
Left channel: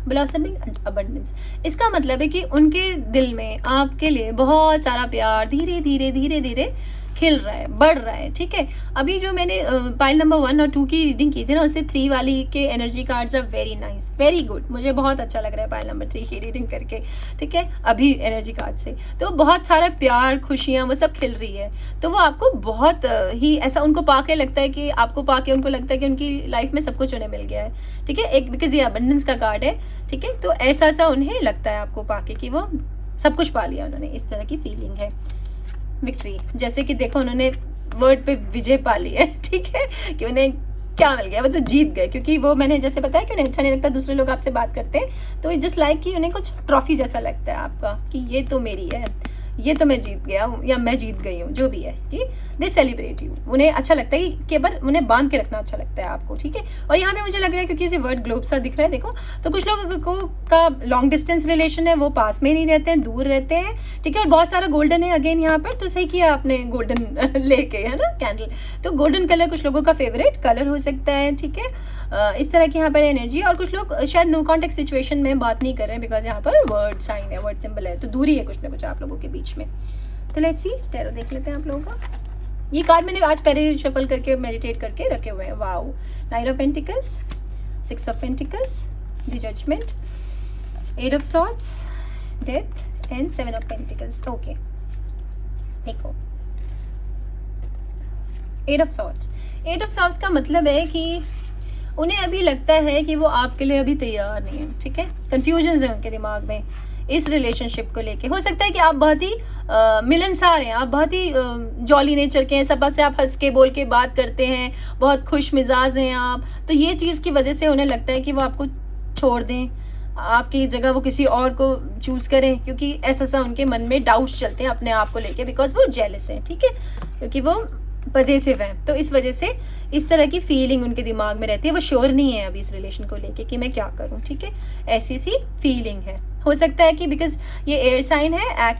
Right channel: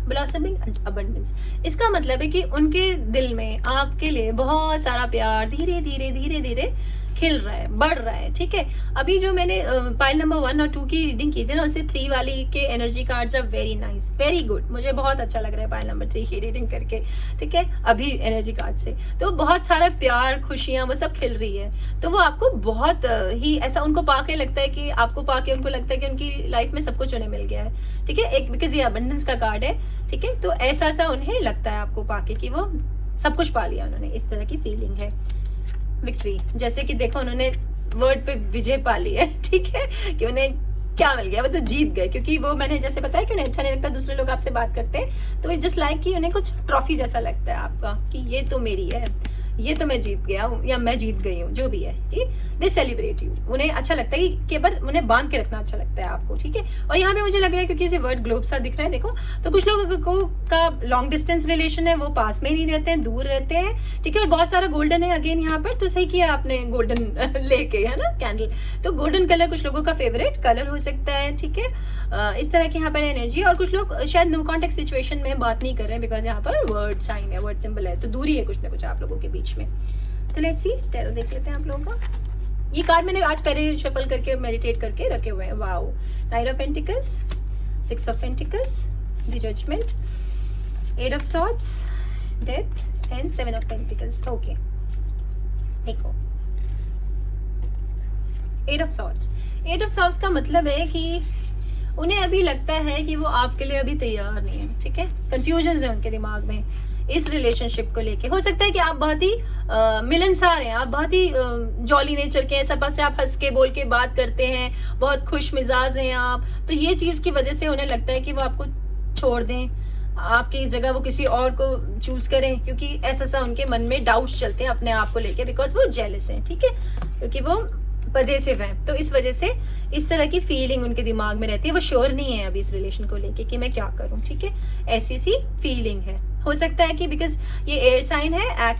ब्लॉसमिंग अबंडेंस, इसका मतलब है कि उनके दिल में आपके लिए बहुत सारा प्यार धीरे धीरे धीरे धीरे खिल रहा है, बढ़ रहा है, ठीक है। अभी जो मैंने पाइल नंबर 1 और 2 की रीडिंग की थी ना, उससे 3 वाली के energy cards are very nice, very good. मुझे बहुत अच्छा लग रहा है पाइल नंबर 3 की रीडिंग करके, ठीक है, अभी एनर्जी कार्ड से। तो बहुत सारा प्यार, खुशियां, वो सब खिल रही है। तो वो आपको बहुत ही ऐसा उनको पाके लगता है कि आपको पाके उनको लगता है कि उनकी लाइफ में सब कुछ उन्हें मिल गया है, ठीक है। एक बिकॉज ये अबंडेंस का कार्ड है, ठीक है। तो ऐसा सा उन्हें लगता है आपको पाके कि वो सब कुछ पा लिया उन्होंने, इस तरह की फीलिंग है। विक्ट्री, जैसे कि देखो उन्होंने वर्ड पे विजय पा ली है, ठीक है, कि उन्हें क्या मिल गया, वो तो जीत गए। क्योंकि वो मैंने जैसे बताया कि उन्हें अच्छा नहीं लगता दूसरे लोग आपसे बात करते हैं, तो जस्ट लाइक कि उन्हें कुछ ट्रॉफी जैसा लगता है आपका कि ये तो मेरी है, ये तो मैं जीत गया हूँ या मैं जीत गई हूँ, जो भी है, ठीक। दे सेलिब्रेट यू, उन्हें अच्छा लगता है कि केवल उन्हें बांध के रखना अच्छा लगता है आपको, ठीक है। और यहाँ पे मुझे लग रहा है क्योंकि इसे वर्ड ग्लोब सा दिख रहा है, देखो, तो कुछ लोगों को का लॉन्ग डिस्टेंस रिलेशन है, वो पास में नहीं रहते हैं, दूर रहते हैं, ठीक है। और बहुत सारा गोल्डन है अगेन यहाँ पर, तो सही किया आपने गोल्डन लेके, है ना, कैंडल। तो गोल्डन कलर कुछ लोगों का फेवरेट कलर हो सकता है, ठीक है। इस तरह की यहाँ पर एनर्जी। और कुछ लोग शायद नो कॉन्टेक्ट सिचुएशन में बात नहीं कर रहे हैं, बिकॉज यहाँ पर वर्ड साइन है, वर्ड सिंबल है, तो दूरी है कुछ ना कुछ आप लोगों के बीच में। तो लेट्स सी, टैरो देख लेते हैं आप लोगों का। ये कार्ड मैंने आज पहले शफल करके मेडिटेट करके रखे हुए हैं। Wow, knight of pentacles, 6 of pentacles, the judgement, 8 of swords, death and 7 of pentacles. Okay, देखो 8 ऑफ सॉर्ड्स। 8 ऑफ सॉर्ड्स का मतलब है कि उन्हें अभी लगता है कि वो आपके लिए अभी तैयार नहीं है, ठीक है। कंफ्यूजन है उनके दिमाग में इस रिलेशनशिप को लेके। हो सकता है कि आप बहुत ही मिलनसार हैं, आप बहुत ही जॉली नेचर के हैं, सब से आप हंस के बोल के बात करते हैं, बहुत खुश मिजाज हैं आप, तो ये चीज़ की वजह से उन्हें लगता है कि वो आपको छोड़ दें, आपकी जगह वो किसी और को चूज करें, क्योंकि ऐसा सा उनके मन में डाउट्स चलते हैं अपने आप को लेके, बिकॉज वो जेलस हैं, ठीक है, क्योंकि वो पॉजिटिव है। तो इस वजह से इस तरह की फीलिंग उनके दिमाग में रहती है, वो श्योर नहीं है अभी इस रिलेशन को लेके कि मैं क्या करूं, ठीक है। ऐसी सी फीलिंग है। हो सकता है कि बिकॉज ये एयर साइन है,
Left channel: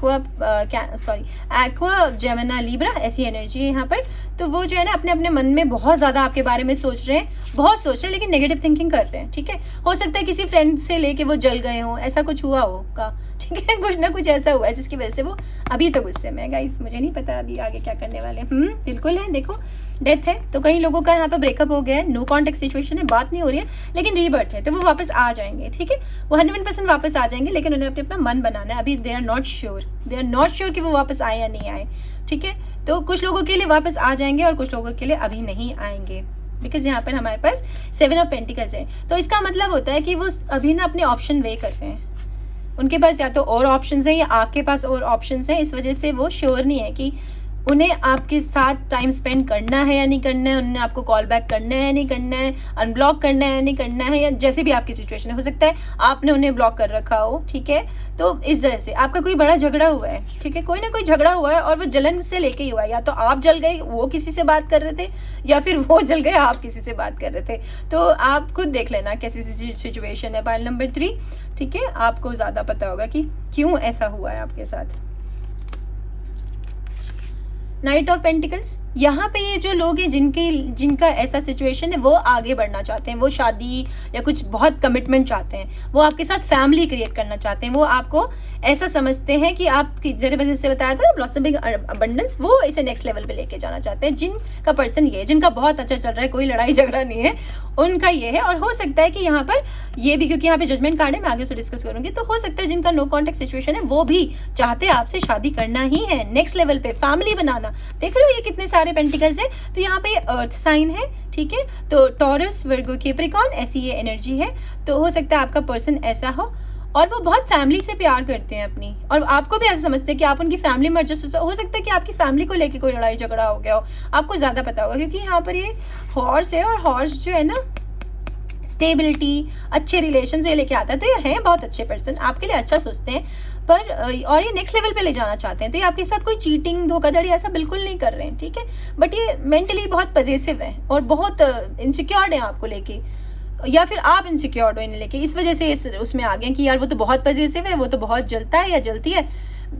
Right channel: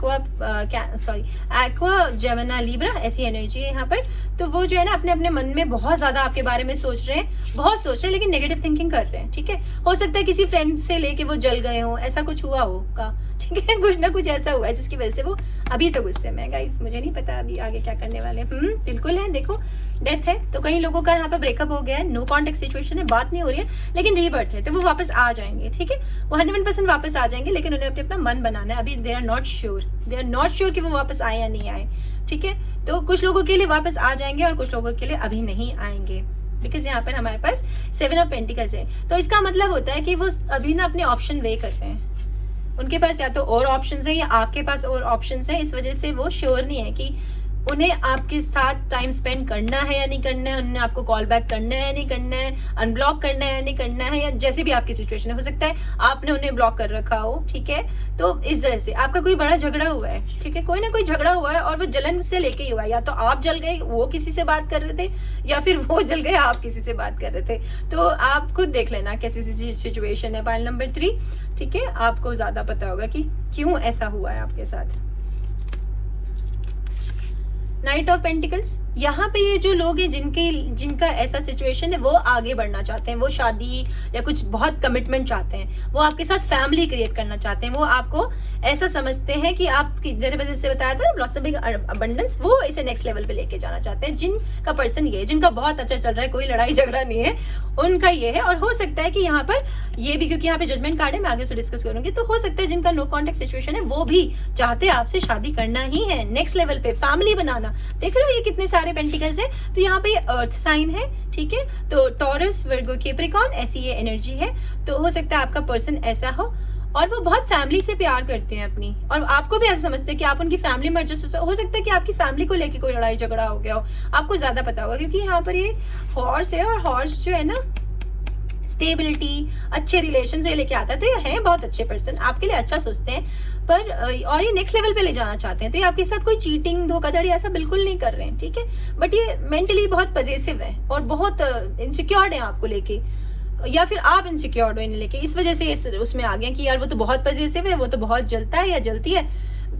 एक्वा जेमिनी लिब्रा, ऐसी एनर्जी है यहाँ पर। तो वो जो है ना अपने अपने मन में बहुत ज्यादा आपके बारे में सोच रहे हैं, बहुत सोच रहे हैं, लेकिन नेगेटिव थिंकिंग कर रहे हैं, ठीक है। हो सकता है किसी फ्रेंड से लेके वो जल गए हो, ऐसा कुछ हुआ होगा, ठीक है। कुछ ना कुछ ऐसा हुआ है जिसकी वजह से वो अभी तो गुस्से में है। गाइस मुझे नहीं पता अभी आगे क्या करने वाले। बिल्कुल है, देखो डेथ है, तो कई लोगों का यहाँ पे ब्रेकअप हो गया है, नो कॉन्टेक्ट सिचुएशन है, बात नहीं हो रही है, लेकिन रीबर्थ है, तो वो वापस आ जाएंगे, ठीक है। वो 100% वापस आ जाएंगे, लेकिन उन्हें अपने अपना मन बनाना है। अभी दे आर नॉट श्योर कि वो वापस आए या नहीं आए, ठीक है। तो कुछ लोगों के लिए वापस आ जाएंगे और कुछ लोगों के लिए अभी नहीं आएंगे, बिकॉज यहाँ पर हमारे पास 7 ऑफ पेंटिकल्स है। तो इसका मतलब होता है कि वो अभी ना अपने ऑप्शन वे कर रहे हैं, उनके पास या तो और ऑप्शंस हैं या आपके पास और ऑप्शंस हैं, इस वजह से वो श्योर नहीं है कि उन्हें आपके साथ टाइम स्पेंड करना है या नहीं करना है, उन्हें आपको कॉल बैक करना है या नहीं करना है, अनब्लॉक करना है या नहीं करना है, या जैसे भी आपकी सिचुएशन है। हो सकता है आपने उन्हें ब्लॉक कर रखा हो, ठीक है। तो इस वजह से आपका कोई बड़ा झगड़ा हुआ है, ठीक है, कोई ना कोई झगड़ा हुआ है और वो जलन से लेके ही हुआ है। या तो आप जल गए, वो किसी से बात कर रहे थे, या फिर वो जल गए, आप किसी से बात कर रहे थे। तो आप खुद देख लेना कैसी सिचुएशन है। पाइल नंबर 3, ठीक है, आपको ज्यादा पता होगा कि क्यों ऐसा हुआ है आपके साथ। नाइट ऑफ पेंटिकल्स, यहाँ पे ये जो लोग हैं जिनका ऐसा सिचुएशन है, वो आगे बढ़ना चाहते हैं, वो शादी या कुछ बहुत कमिटमेंट चाहते हैं, वो आपके साथ फैमिली क्रिएट करना चाहते हैं, वो आपको ऐसा समझते हैं कि आप मेरे वजह से बताया था ब्लॉसमिंग अबंडेंस, वो इसे नेक्स्ट लेवल पे लेके जाना चाहते हैं। जिनका पर्सन ये है, जिनका बहुत अच्छा चल रहा है, कोई लड़ाई झगड़ा नहीं है, उनका ये है। और हो सकता है कि यहाँ पर ये भी, क्योंकि यहाँ पे जजमेंट कार्ड है, मैं आगे से डिस्कस करूंगी, तो हो सकता है जिनका नो कॉन्टेक्ट सिचुएशन है वो भी चाहते हैं आपसे शादी करना ही है, नेक्स्ट लेवल पे फैमिली बनाना। देख रहे हो ये कितने सारे पेंटिकल्स हैं। तो यहाँ पे अर्थ साइन है, ठीक है, तो टॉरस, वर्गो, कैप्रिकॉर्न, ऐसी ये एनर्जी है। तो हो सकता है आपका पर्सन ऐसा हो और वो बहुत फैमिली से प्यार करते हैं अपनी, और आपको भी ऐसा समझते हैं कि आप उनकी फैमिली में एडजस्ट हो सकता है कि आपकी फैमिली को लेके कोई लड़ाई झगड़ा हो गया हो, आपको ज्यादा पता होगा, क्योंकि यहाँ पर ये हॉर्स है, और हॉर्स जो है ना स्टेबिलिटी, अच्छे रिलेशन से लेके आता है। तो ये है बहुत अच्छे पर्सन, आपके लिए अच्छा सोचते हैं, पर और ये नेक्स्ट लेवल पे ले जाना चाहते हैं। तो ये आपके साथ कोई चीटिंग, धोखाधड़ी ऐसा बिल्कुल नहीं कर रहे हैं, ठीक है। बट ये मेंटली बहुत पॉजिटिव है और बहुत इनसिक्योर्ड है आपको लेके, या फिर आप इनसिक्योर्ड हो इन्हें लेके, इस वजह से उसमें आ गए कि यार वो तो बहुत पॉजिटिव है, वो तो बहुत जलता है या जलती है,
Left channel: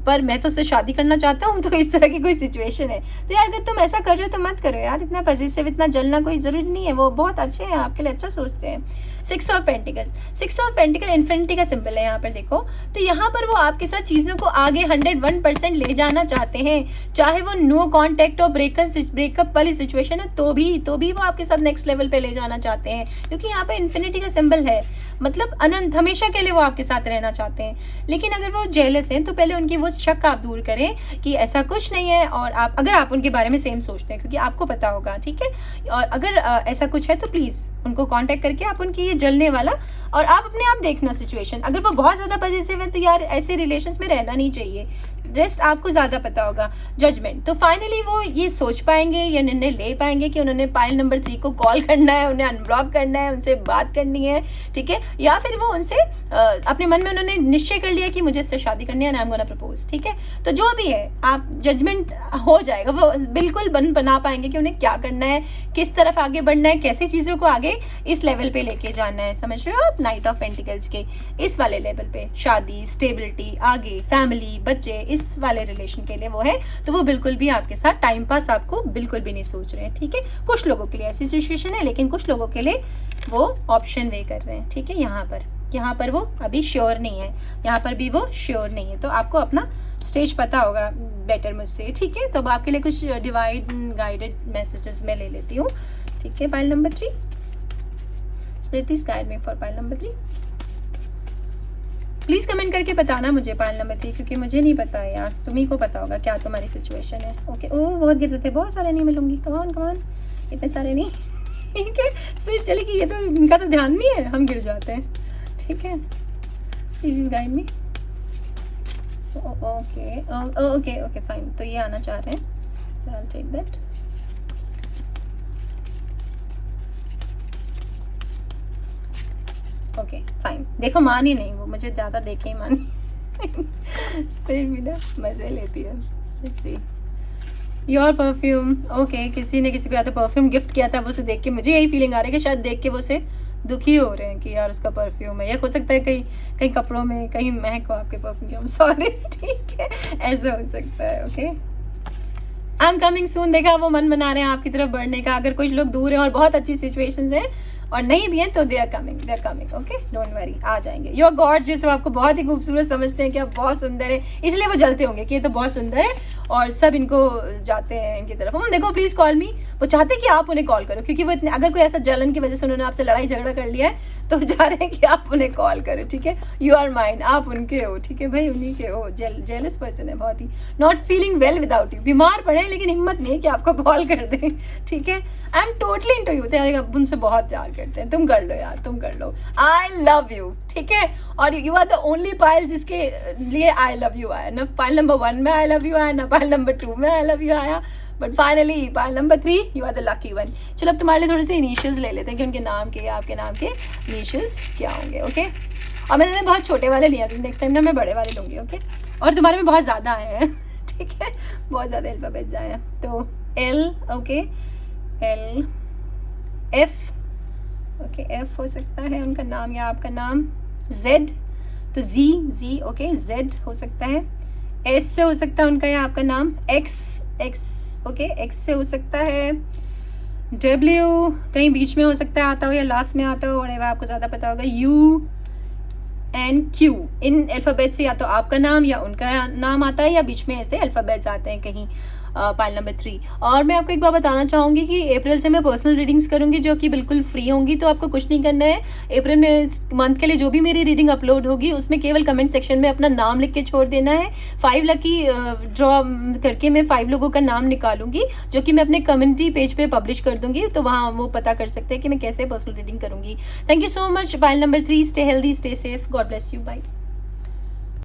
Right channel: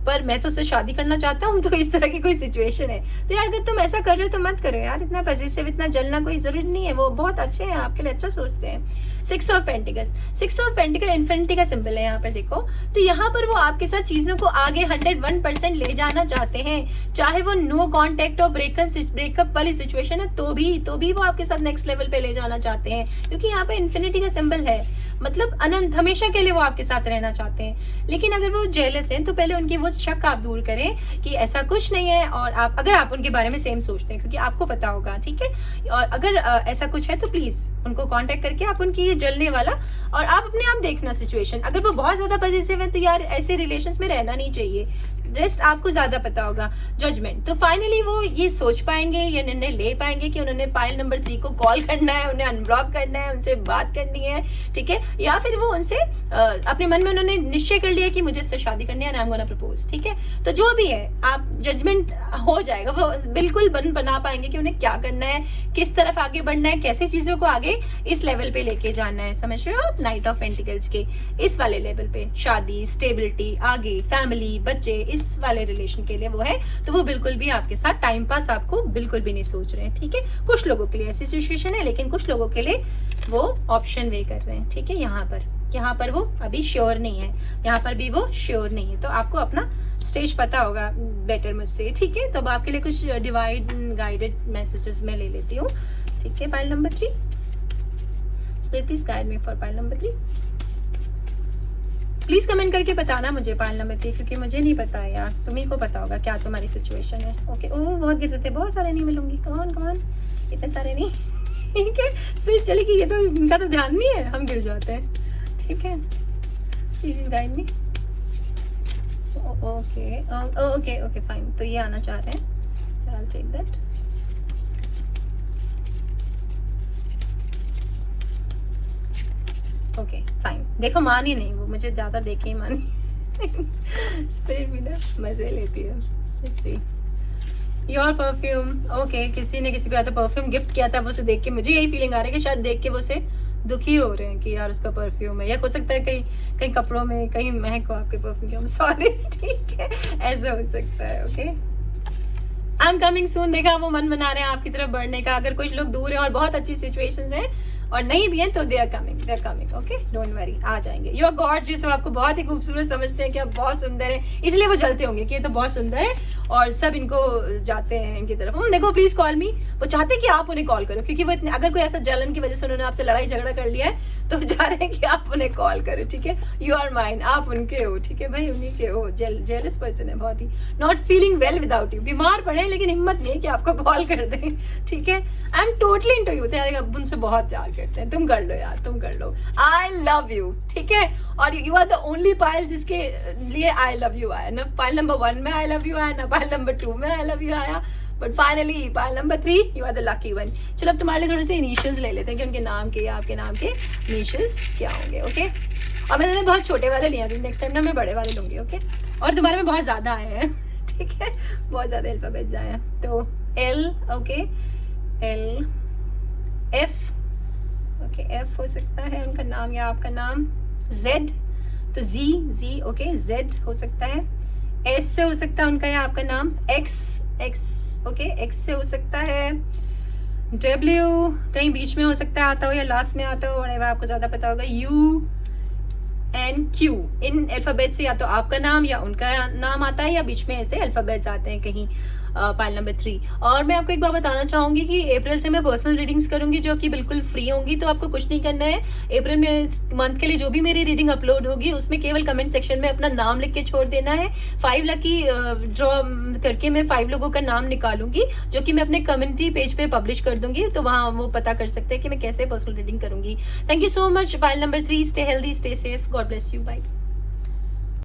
पर मैं तो उससे शादी करना चाहता हूँ। तो इस तरह की कोई सिचुएशन है। तो यार अगर तुम ऐसा कर रहे हो तो मत करो यार, इतना पॉजिटिव, इतना जलना कोई जरूरी नहीं है, वो बहुत अच्छे हैं, आपके लिए अच्छा सोचते हैं। 6 of pentacles, 6 of pentacle infinity का सिंबल है यहाँ पर, देखो। तो यहाँ पर वो आपके साथ चीजों को आगे 101% ले जाना चाहते हैं, चाहे वो नो कॉन्टेक्ट और ब्रेकअप वाली सिचुएशन है, तो भी वो आपके साथ नेक्स्ट लेवल पे ले जाना चाहते हैं, क्योंकि यहाँ पे इन्फिनिटी का सिंबल है, मतलब अनंत, हमेशा के लिए वो आपके साथ रहना चाहते हैं। लेकिन अगर वो जेलस हैं तो पहले उनकी वो शक आप दूर करें कि ऐसा कुछ नहीं है, और अगर आप उनके बारे में सेम सोचते हैं, क्योंकि आपको पता होगा, ठीक है। और अगर ऐसा कुछ है तो प्लीज उनको कांटेक्ट करके आप उनकी ये जलने वाला, और आप अपने आप देखना सिचुएशन। अगर वो बहुत ज्यादा पॉजिटिव है तो यार ऐसे रिलेशंस में रहना नहीं चाहिए, रेस्ट आपको ज्यादा पता होगा, जजमेंट। तो फाइनली वो ये सोच पाएंगे या निर्णय ले पाएंगे कि उन्होंने पाइल नंबर 3 को कॉल करना है, उन्हें अनब्लॉक करना है, उनसे बात करनी है, ठीक है, या फिर वो उनसे अपने मन में उन्होंने निश्चय कर लिया कि मुझे इससे शादी करनी है, आई एम गोना प्रपोज, ठीक है। तो जो भी है आप जजमेंट हो जाएगा, वो बिल्कुल बना पाएंगे कि उन्हें क्या करना है, किस तरफ आगे बढ़ना है, कैसे चीजों को आगे इस लेवल पे लेके जाना है, समझ रहे हो आप। नाइट ऑफ पेंटिकल्स के इस वाले लेवल पे शादी, स्टेबिलिटी, आगे फैमिली, बच्चे, इस वाले रिलेशन के लिए वो है। तो वो बिल्कुल भी आपके साथ टाइम पास आपको बिल्कुल भी नहीं सोच रहे हैं, ठीक है। कुछ लोगों के लिए ऐसी सिचुएशन है, लेकिन कुछ लोगों के लिए वो ऑप्शन वे कर रहे हैं, ठीक है। यहाँ पर वो अभी श्योर नहीं है, यहाँ पर भी वो श्योर नहीं है। तो आपको अपना स्टेज पता होगा बेटर मुझसे, ठीक है। तो अब आपके लिए कुछ डिवाइड गाइडेड मैसेजेस मैं ले लेती हूँ, ठीक है। Pile number 3, spirit please guide me for pile number 3। Please comment करके बताना मुझे पाइल नंबर 3, क्योंकि मुझे नहीं पता है यार, तुम्ही को पता होगा क्या तुम्हारी सिचुएशन है। ओके, ओह बहुत गिर रहे थे, बहुत सारे नहीं मिलूंगी, कमान इतने सारे नहीं, ठीक है। स्पिरिट चलेगी, ये तो इनका तो ध्यान नहीं है, हम गिर जाते हैं, ठीक है। Please guide me. Okay fine. तो ये आना चाह रहे हैं, I will take that. Okay fine. देखो मानी नहीं, वो मुझे ज्यादा देखे ही मानी। स्पिरिट भी ना मजे लेती है। Let's see your perfume. Okay, किसी ने किसी को आता परफ्यूम गिफ्ट किया था, वो उसे देख के मुझे यही फीलिंग आ रही है कि शायद देख के वो उसे दुखी हो रहे हैं कि यार उसका परफ्यूम है, या हो सकता है कहीं कपड़ों में कहीं महक हो आपके परफ्यूम की, सॉरी, ठीक है, ऐसा हो सकता है। Okay, I am coming soon. देखा, वो मन बना रहे हैं आपकी तरफ बढ़ने का। अगर कुछ लोग दूर है और बहुत अच्छी सिचुएशंस हैं और नहीं भी हैं, तो they are coming, okay, don't worry, आ जाएंगे। यू आर गॉर्जियस, आपको बहुत ही खूबसूरत समझते हैं कि आप बहुत सुंदर है, इसलिए वो जलते होंगे कि ये तो बहुत सुंदर है और सब इनको जाते हैं इनकी तरफ। हम देखो, प्लीज कॉल मी। वो चाहते हैं कि आप उन्हें कॉल करो, क्योंकि वो इतने, अगर कोई ऐसा जलन की वजह से उन्होंने आपसे लड़ाई झगड़ा कर लिया है, तो वो चाह रहे हैं कि आप उन्हें कॉल करो, ठीक है। यू आर माइन, आप उनके हो, ठीक है भाई, उन्हीं के हो। जेलस पर्सन है बहुत ही, not feeling well without you. बीमार पड़े लेकिन हिम्मत नहीं है कि आपको कॉल कर दे, ठीक है। I am totally into you, अब उनसे बहुत प्यार करते हैं। तुम कर लो यार, तुम कर लो। आई लव यू, ठीक है। और you are the only pile जिसके लिए आई लव यू आया। ना पाइल नंबर 1 में आई लव यू आया, ना पाइल नंबर 2 में आई लव यू आया, but finally pile number 3 you are the lucky one. चलो अब तुम्हारे लिए थोड़े से इनिशियल्स ले लेते हैं कि उनके नाम के, आपके नाम के इनिशियल्स क्या होंगे, ओके। अब मैंने बहुत छोटे वाले लिया, नेक्स्ट टाइम ना मैं बड़े वाले लूंगी, ओके। और तुम्हारे में बहुत ज्यादा आए हैं, ठीक है, बहुत ज्यादा अल्फाबेट्स आए हैं। तो L, okay, L, F, okay, F हो सकता है उनका नाम या आपका नाम। Z, तो Z, ओके, Z हो सकता है। S से हो सकता है उनका या आपका नाम। X, ओके, X से हो सकता है। W कहीं बीच में हो सकता है आता हो या लास्ट में आता हो, और आपको ज्यादा पता होगा। U and Q, in alphabet से या तो आपका नाम या उनका नाम आता है, या बीच में ऐसे अल्फाबेट्स आते हैं कहीं। Pile number 3। और मैं आपको एक बात बताना चाहूंगी कि अप्रैल से मैं पर्सनल रीडिंग्स करूंगी, जो कि बिल्कुल फ्री होंगी। तो आपको कुछ नहीं करना है। अप्रैल में मंथ के लिए जो भी मेरी रीडिंग अपलोड होगी, उसमें केवल कमेंट सेक्शन में अपना नाम लिख के छोड़ देना है। 5 लकी ड्रॉ करके मैं 5 लोगों का नाम निकालूंगी, जो कि मैं अपने कम्युनिटी पेज पे पब्लिश कर दूंगी। तो वहां वो पता कर सकते हैं कि मैं कैसे पर्सनल रीडिंग करूंगी। Thank you so much pile number 3। Stay healthy, stay safe, God bless you, bye.